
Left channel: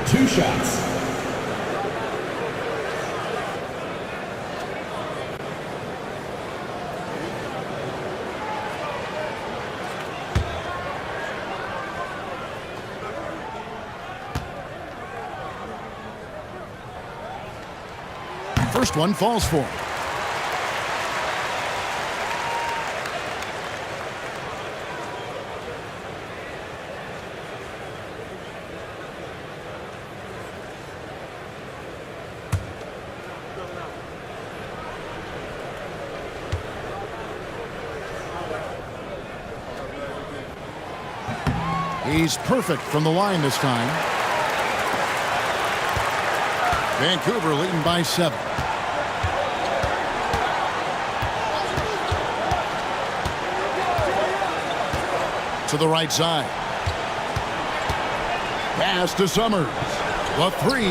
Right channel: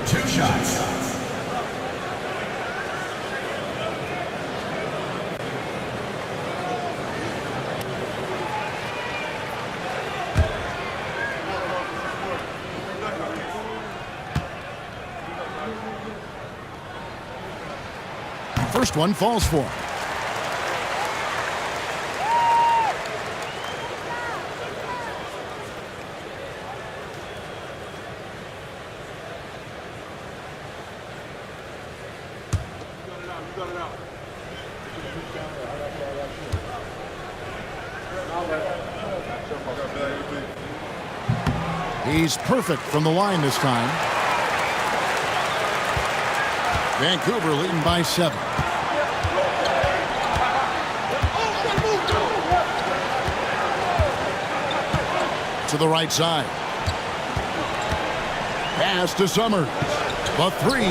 2 shots. first one falls for him. He's perfect from the line this time. Vancouver leading by 7. To the right side. Pass to Summers. The 3.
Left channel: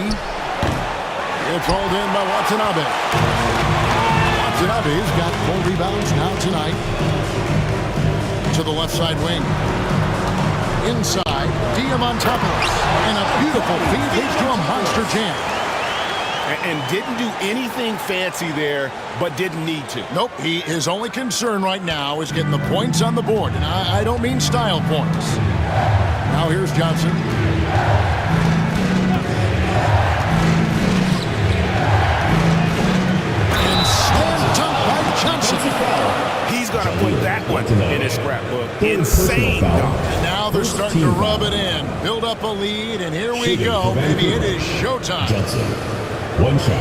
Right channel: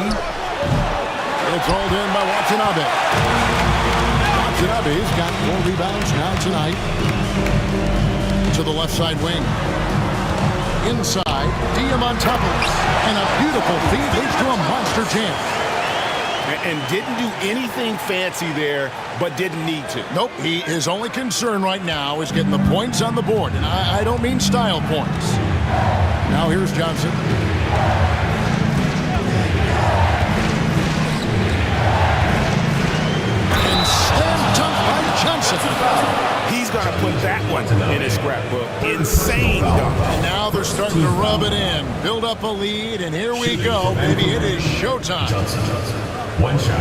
It's rolled in by Watanabe. Watanabe's got 4 rebounds now tonight. To the left side wing. Inside, Diamantopoulos. And a beautiful feed leads to a monster jam. And didn't do anything fancy there, but didn't need to. Nope, his only concern right now is getting the points on the board. And I don't mean style points. Now here's Johnson. And slam dunk by Johnson. He's going to put that one in his scrapbook. Insane dunk. And now they're starting to rub it in. Build up a lead, and here we go, baby. It is showtime. Johnson, 1 shot.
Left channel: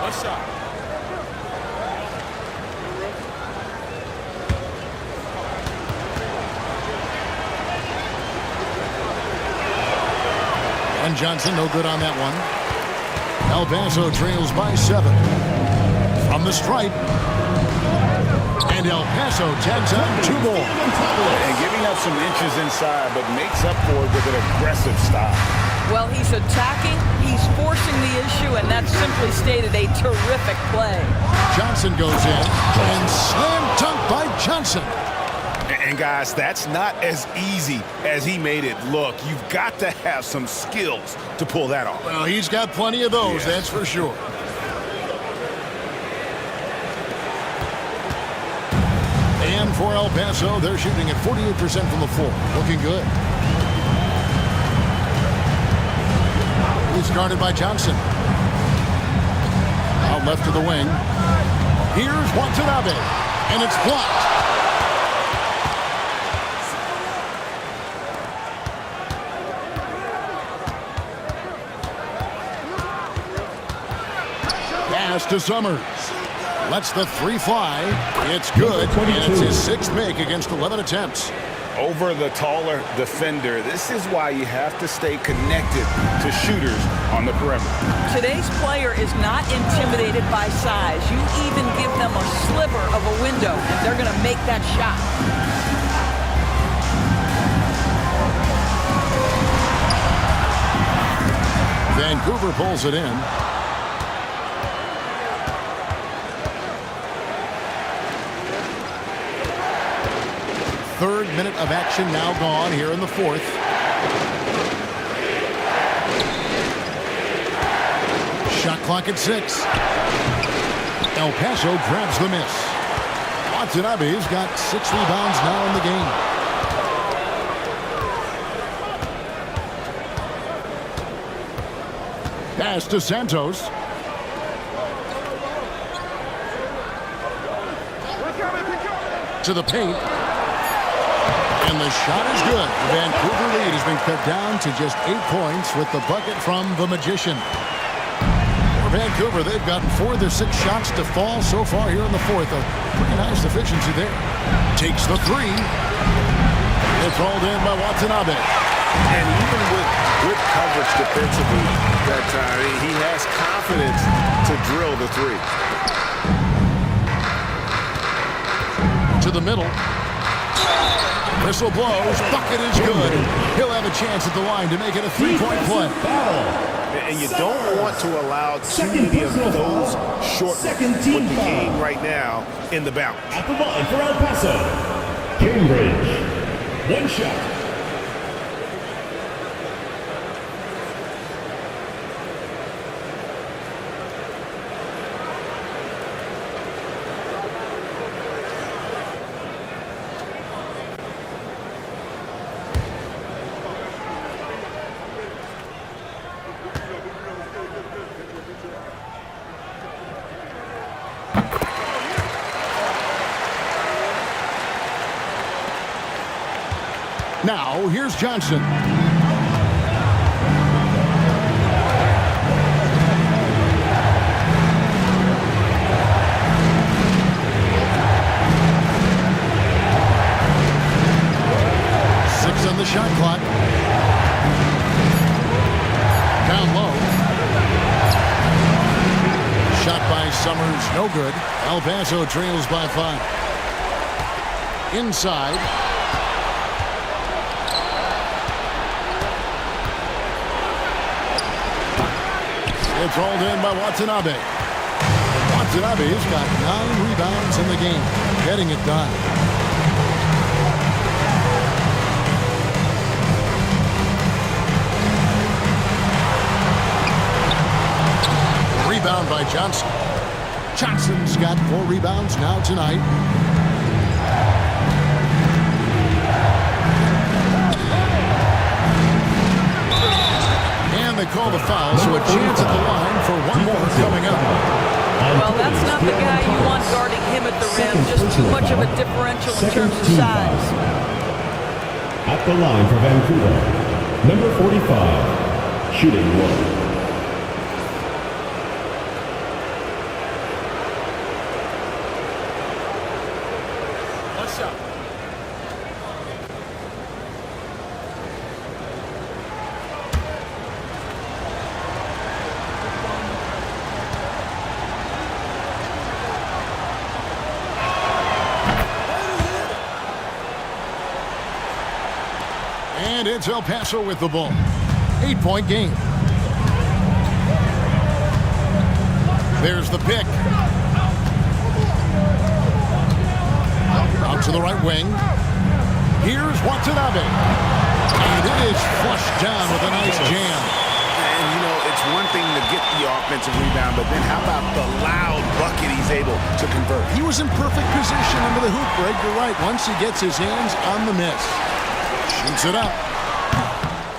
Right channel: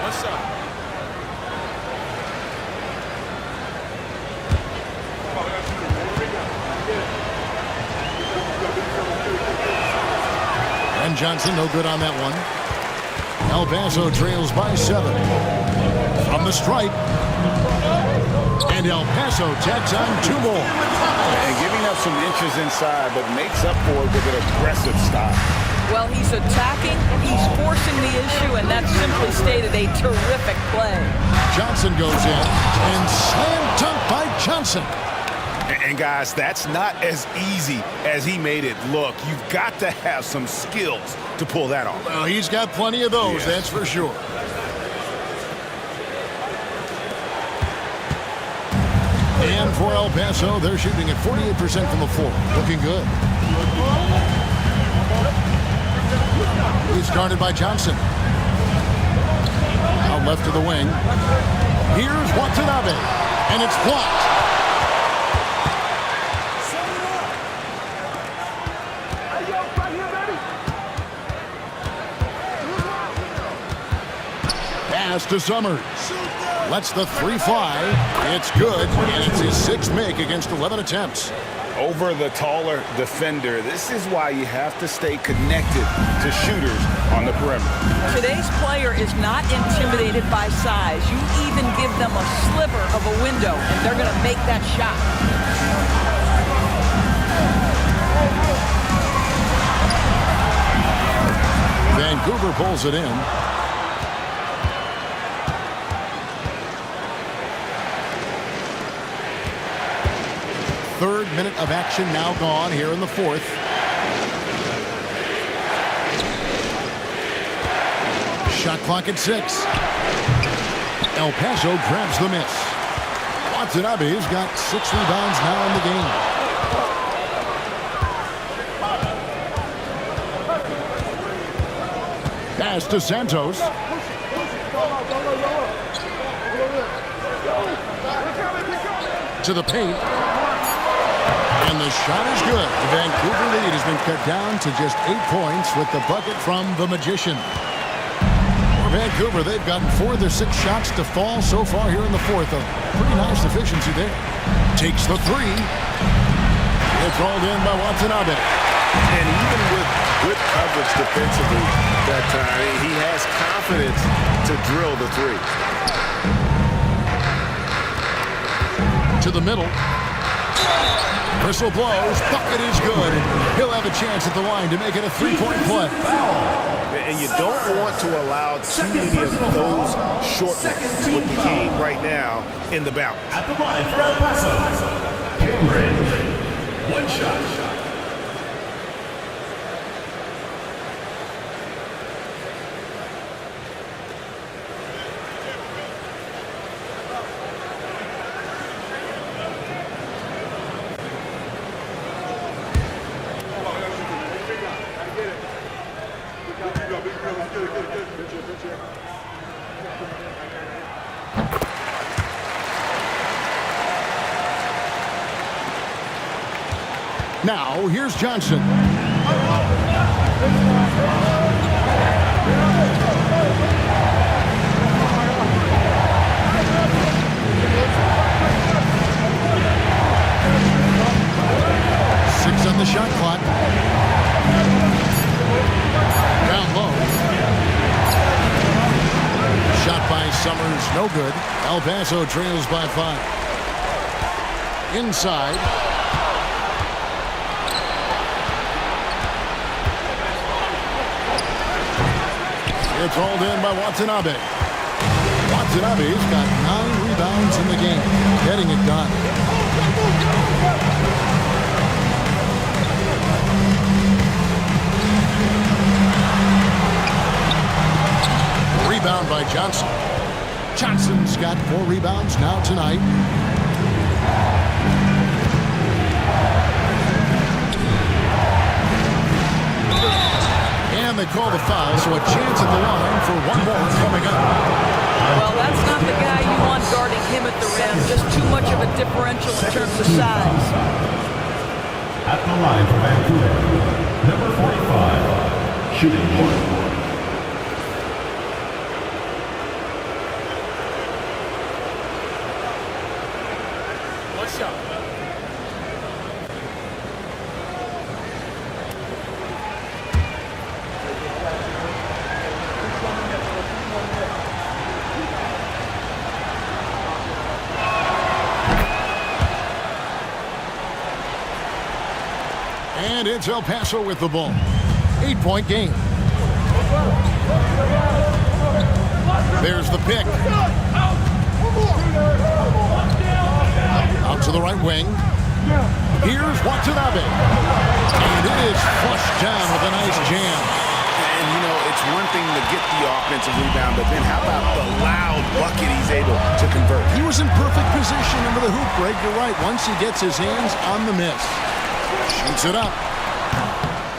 One shot. And Johnson, no good on that one. El Paso trails by 7. From the stripe. And El Paso tags on 2 more. And giving up some inches inside, but makes up for it with an aggressive style. Well, he's attacking, he's forcing the issue, and that simply stated a terrific play. Johnson goes in, and slam dunk by Johnson. And guys, that's not as easy as he made it look. You've got to have some skills to pull that off. Well, he's got plenty of those, that's for sure. And for El Paso, they're shooting at 48% from the floor. Looking good. He's guarded by Johnson. Out left to the wing. Here's Watanabe. And it's blocked. Pass to Summers. Lets the 3 fly. It's good, and it's his 6th make against 11 attempts. Over the taller defender, this is why you have to stay connected to shooters on the perimeter. Today's player is not intimidated by size. You even give them a sliver of a window, and they're going to make that shot. Vancouver pulls it in. Third minute of action now gone here in the 4th. Shot clock at 6. El Paso grabs the miss. Watanabe's got 6 rebounds now in the game. Pass to Santos. To the paint. And the shot is good. The Vancouver lead has been cut down to just 8 points with the bucket from the Magician. For Vancouver, they've gotten 4 of their 6 shots to fall so far here in the 4th. A pretty nice efficiency there. Takes the 3. It's rolled in by Watanabe. And even with good coverage defensively that time, he has confidence to drill the 3. To the middle. Whistle blows. Bucket is good. And he'll have a chance at the line to make it a 3-point play. And you don't want to allow too many of those short ones with the game right now in the balance. At the line for El Paso, Cambridge, 1 shot. Now, here's Johnson. Six on the shot clock. Down low. Shot by Summers, no good. El Paso trails by 5. Inside. It's hauled in by Watanabe. Watanabe's got 9 rebounds in the game, getting it done. Rebound by Johnson. Johnson's got 4 rebounds now tonight. And they call the foul, so a chance at the line for one more coming up. Well, that's not the guy you want guarding him at the rim. Just too much of a differential in terms of size. At the line for Vancouver, number 45, shooting 1. One shot. And it's El Paso with the ball. 8-point game. There's the pick. Out to the right wing. Here's Watanabe. And it is flushed down with a nice jam. And, you know, it's one thing to get the offensive rebound, but then how about the loud bucket he's able to convert? He was in perfect position under the hoop break. You're right. Once he gets his hands on the miss. Shoots it up.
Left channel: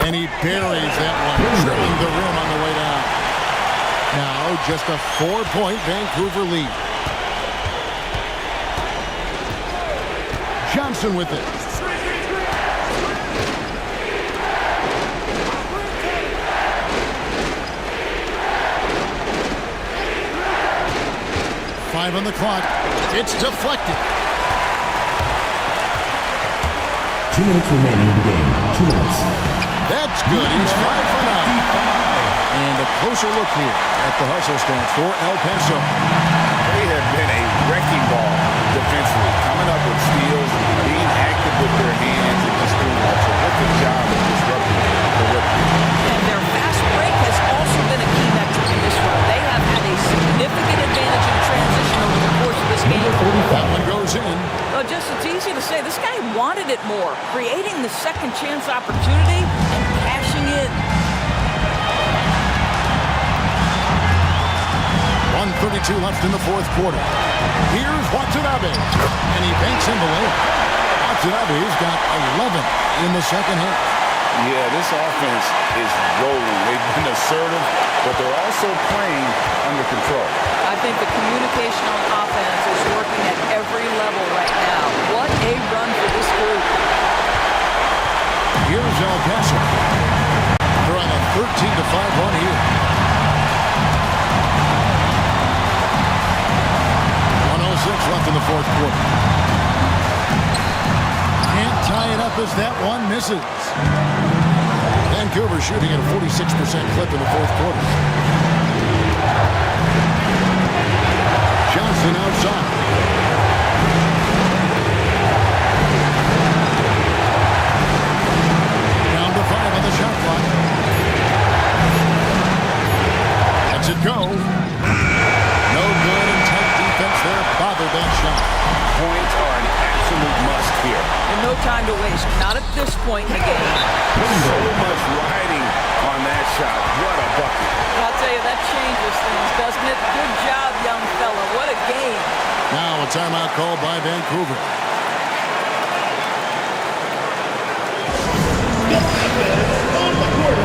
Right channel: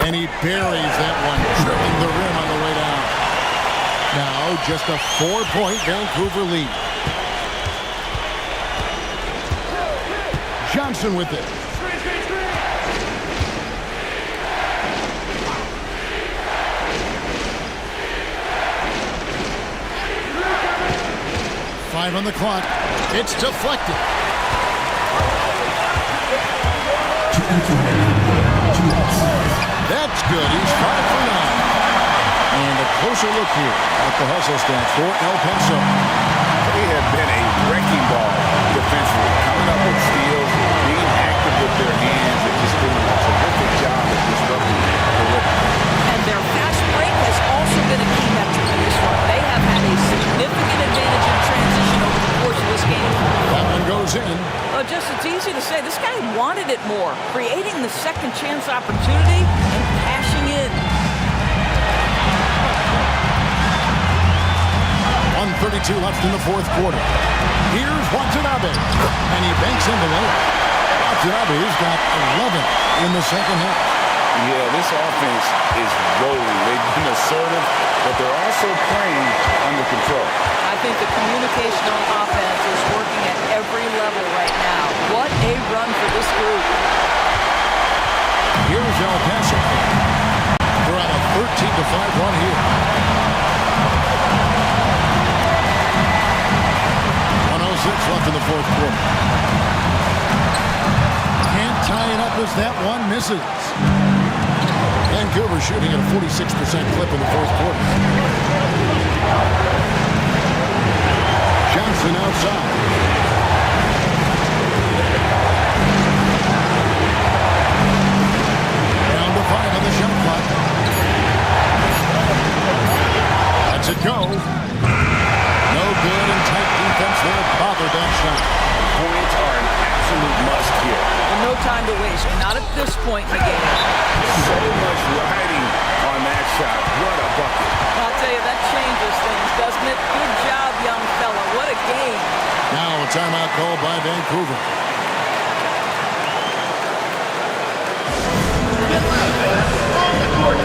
And he buries that one, drilling the rim on the way down. Now just a 4-point Vancouver lead. Johnson with it. Five on the clock. It's deflected. 2 minutes remaining in the game. 2 minutes. That's good. He's 5 for 9. And a closer look here at the hustle stats for El Paso. They have been a wrecking ball defensively, coming up with steals, being active with their hands, and just doing a terrific job of disrupting the rhythm. And their fast break has also been a key metric in this one. They have had a significant advantage in transition over the course of this game. That one goes in. Well, just it's easy to say. This guy wanted it more, creating the second chance opportunity and cashing in. 1:32 left in the fourth quarter. Here's Watanabe, and he banks in the layup. Watanabe's got 11 in the second half. Yeah, this offense is rolling. They've been assertive, but they're also playing under control. I think the communication on offense is working at every level right now. What a run for this group. Here's El Paso. They're on a 13-5 run here. 1:06 left in the fourth quarter. Can't tie it up as that one misses. Vancouver shooting at a 46% clip in the fourth quarter. Johnson outside. Down to 5 on the shot clock. Lets it go. No good, and tight defense there bothered that shot. Points are an absolute must here. And no time to waste. Not at this point in the game. So much riding on that shot. What a bucket. I'll tell you, that changes things, doesn't it? Good job, young fella. What a game. Now a timeout called by Vancouver. On the court,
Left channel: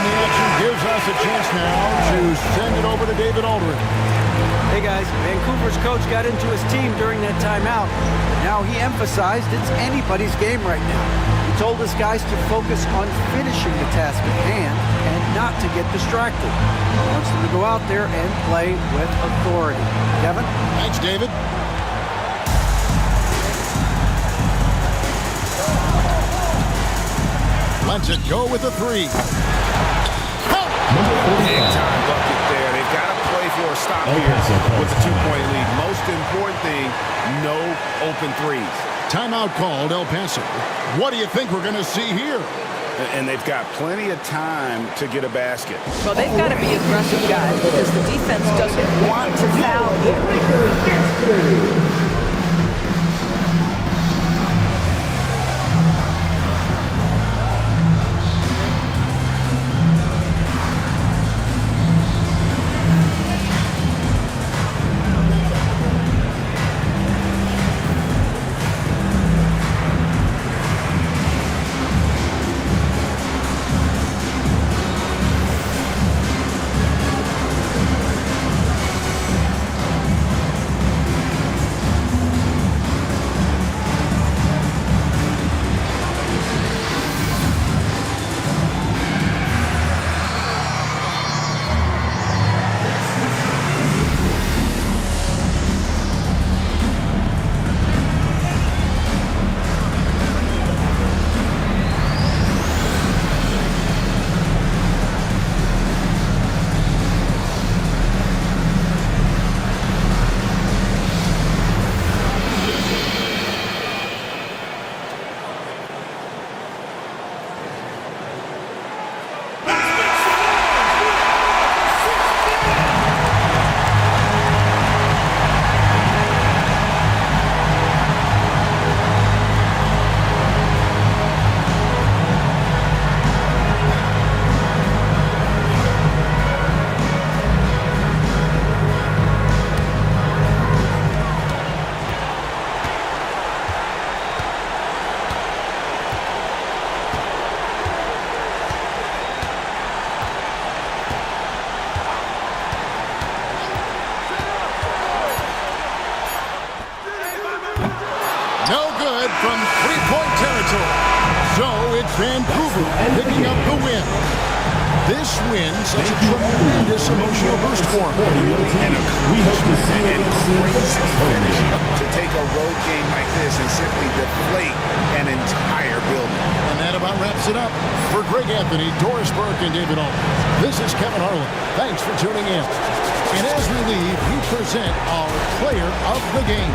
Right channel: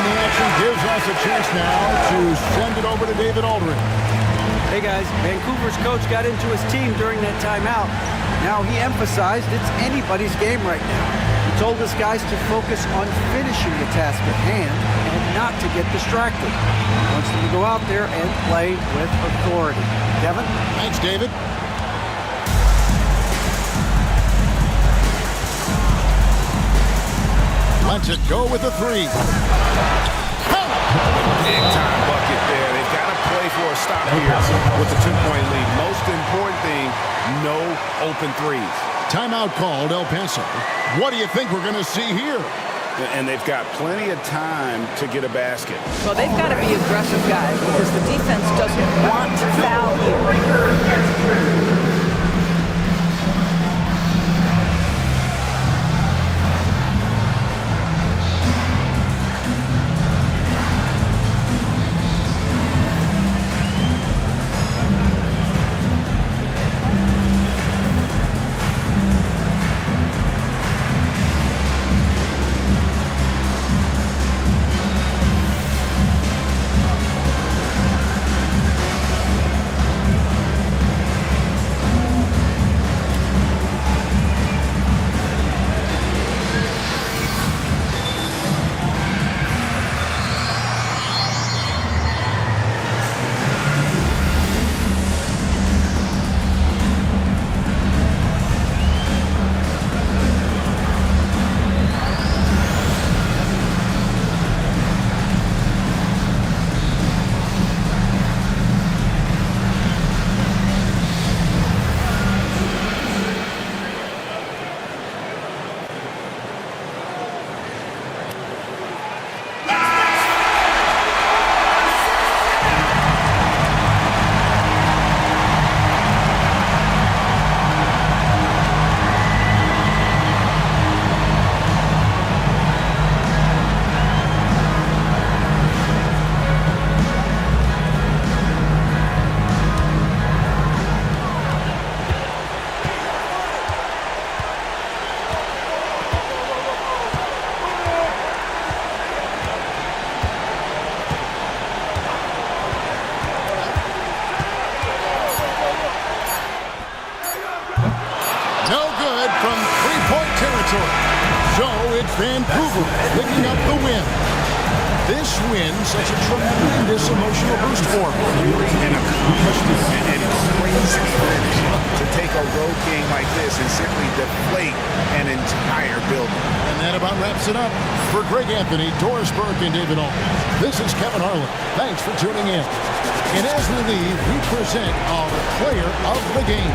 in the action gives us a chance now to send it over to David Aldridge. Hey guys, Vancouver's coach got into his team during that timeout. Now he emphasized it's anybody's game right now. He told his guys to focus on finishing the task at hand and not to get distracted. He wants them to go out there and play with authority. Kevin? Thanks, David. Lets it go with a three. Big time bucket there. They've got to play for a stop here with the 2-point lead. Most important thing, no open threes. Timeout called, El Paso. What do you think we're going to see here? And they've got plenty of time to get a basket. Well, they've got to be aggressive, guys, because the defense doesn't want to foul here. No good from three-point territory. So it's Vancouver picking up the win. This win, such a tremendous emotional boost for them. Really an accomplishment and crazy finish to take a road game like this and simply deflate an entire building. And that about wraps it up. For Greg Anthony, Doris Burke, and David Aldridge, this is Kevin Harlan. Thanks for tuning in. And as we leave, we present our player of the game.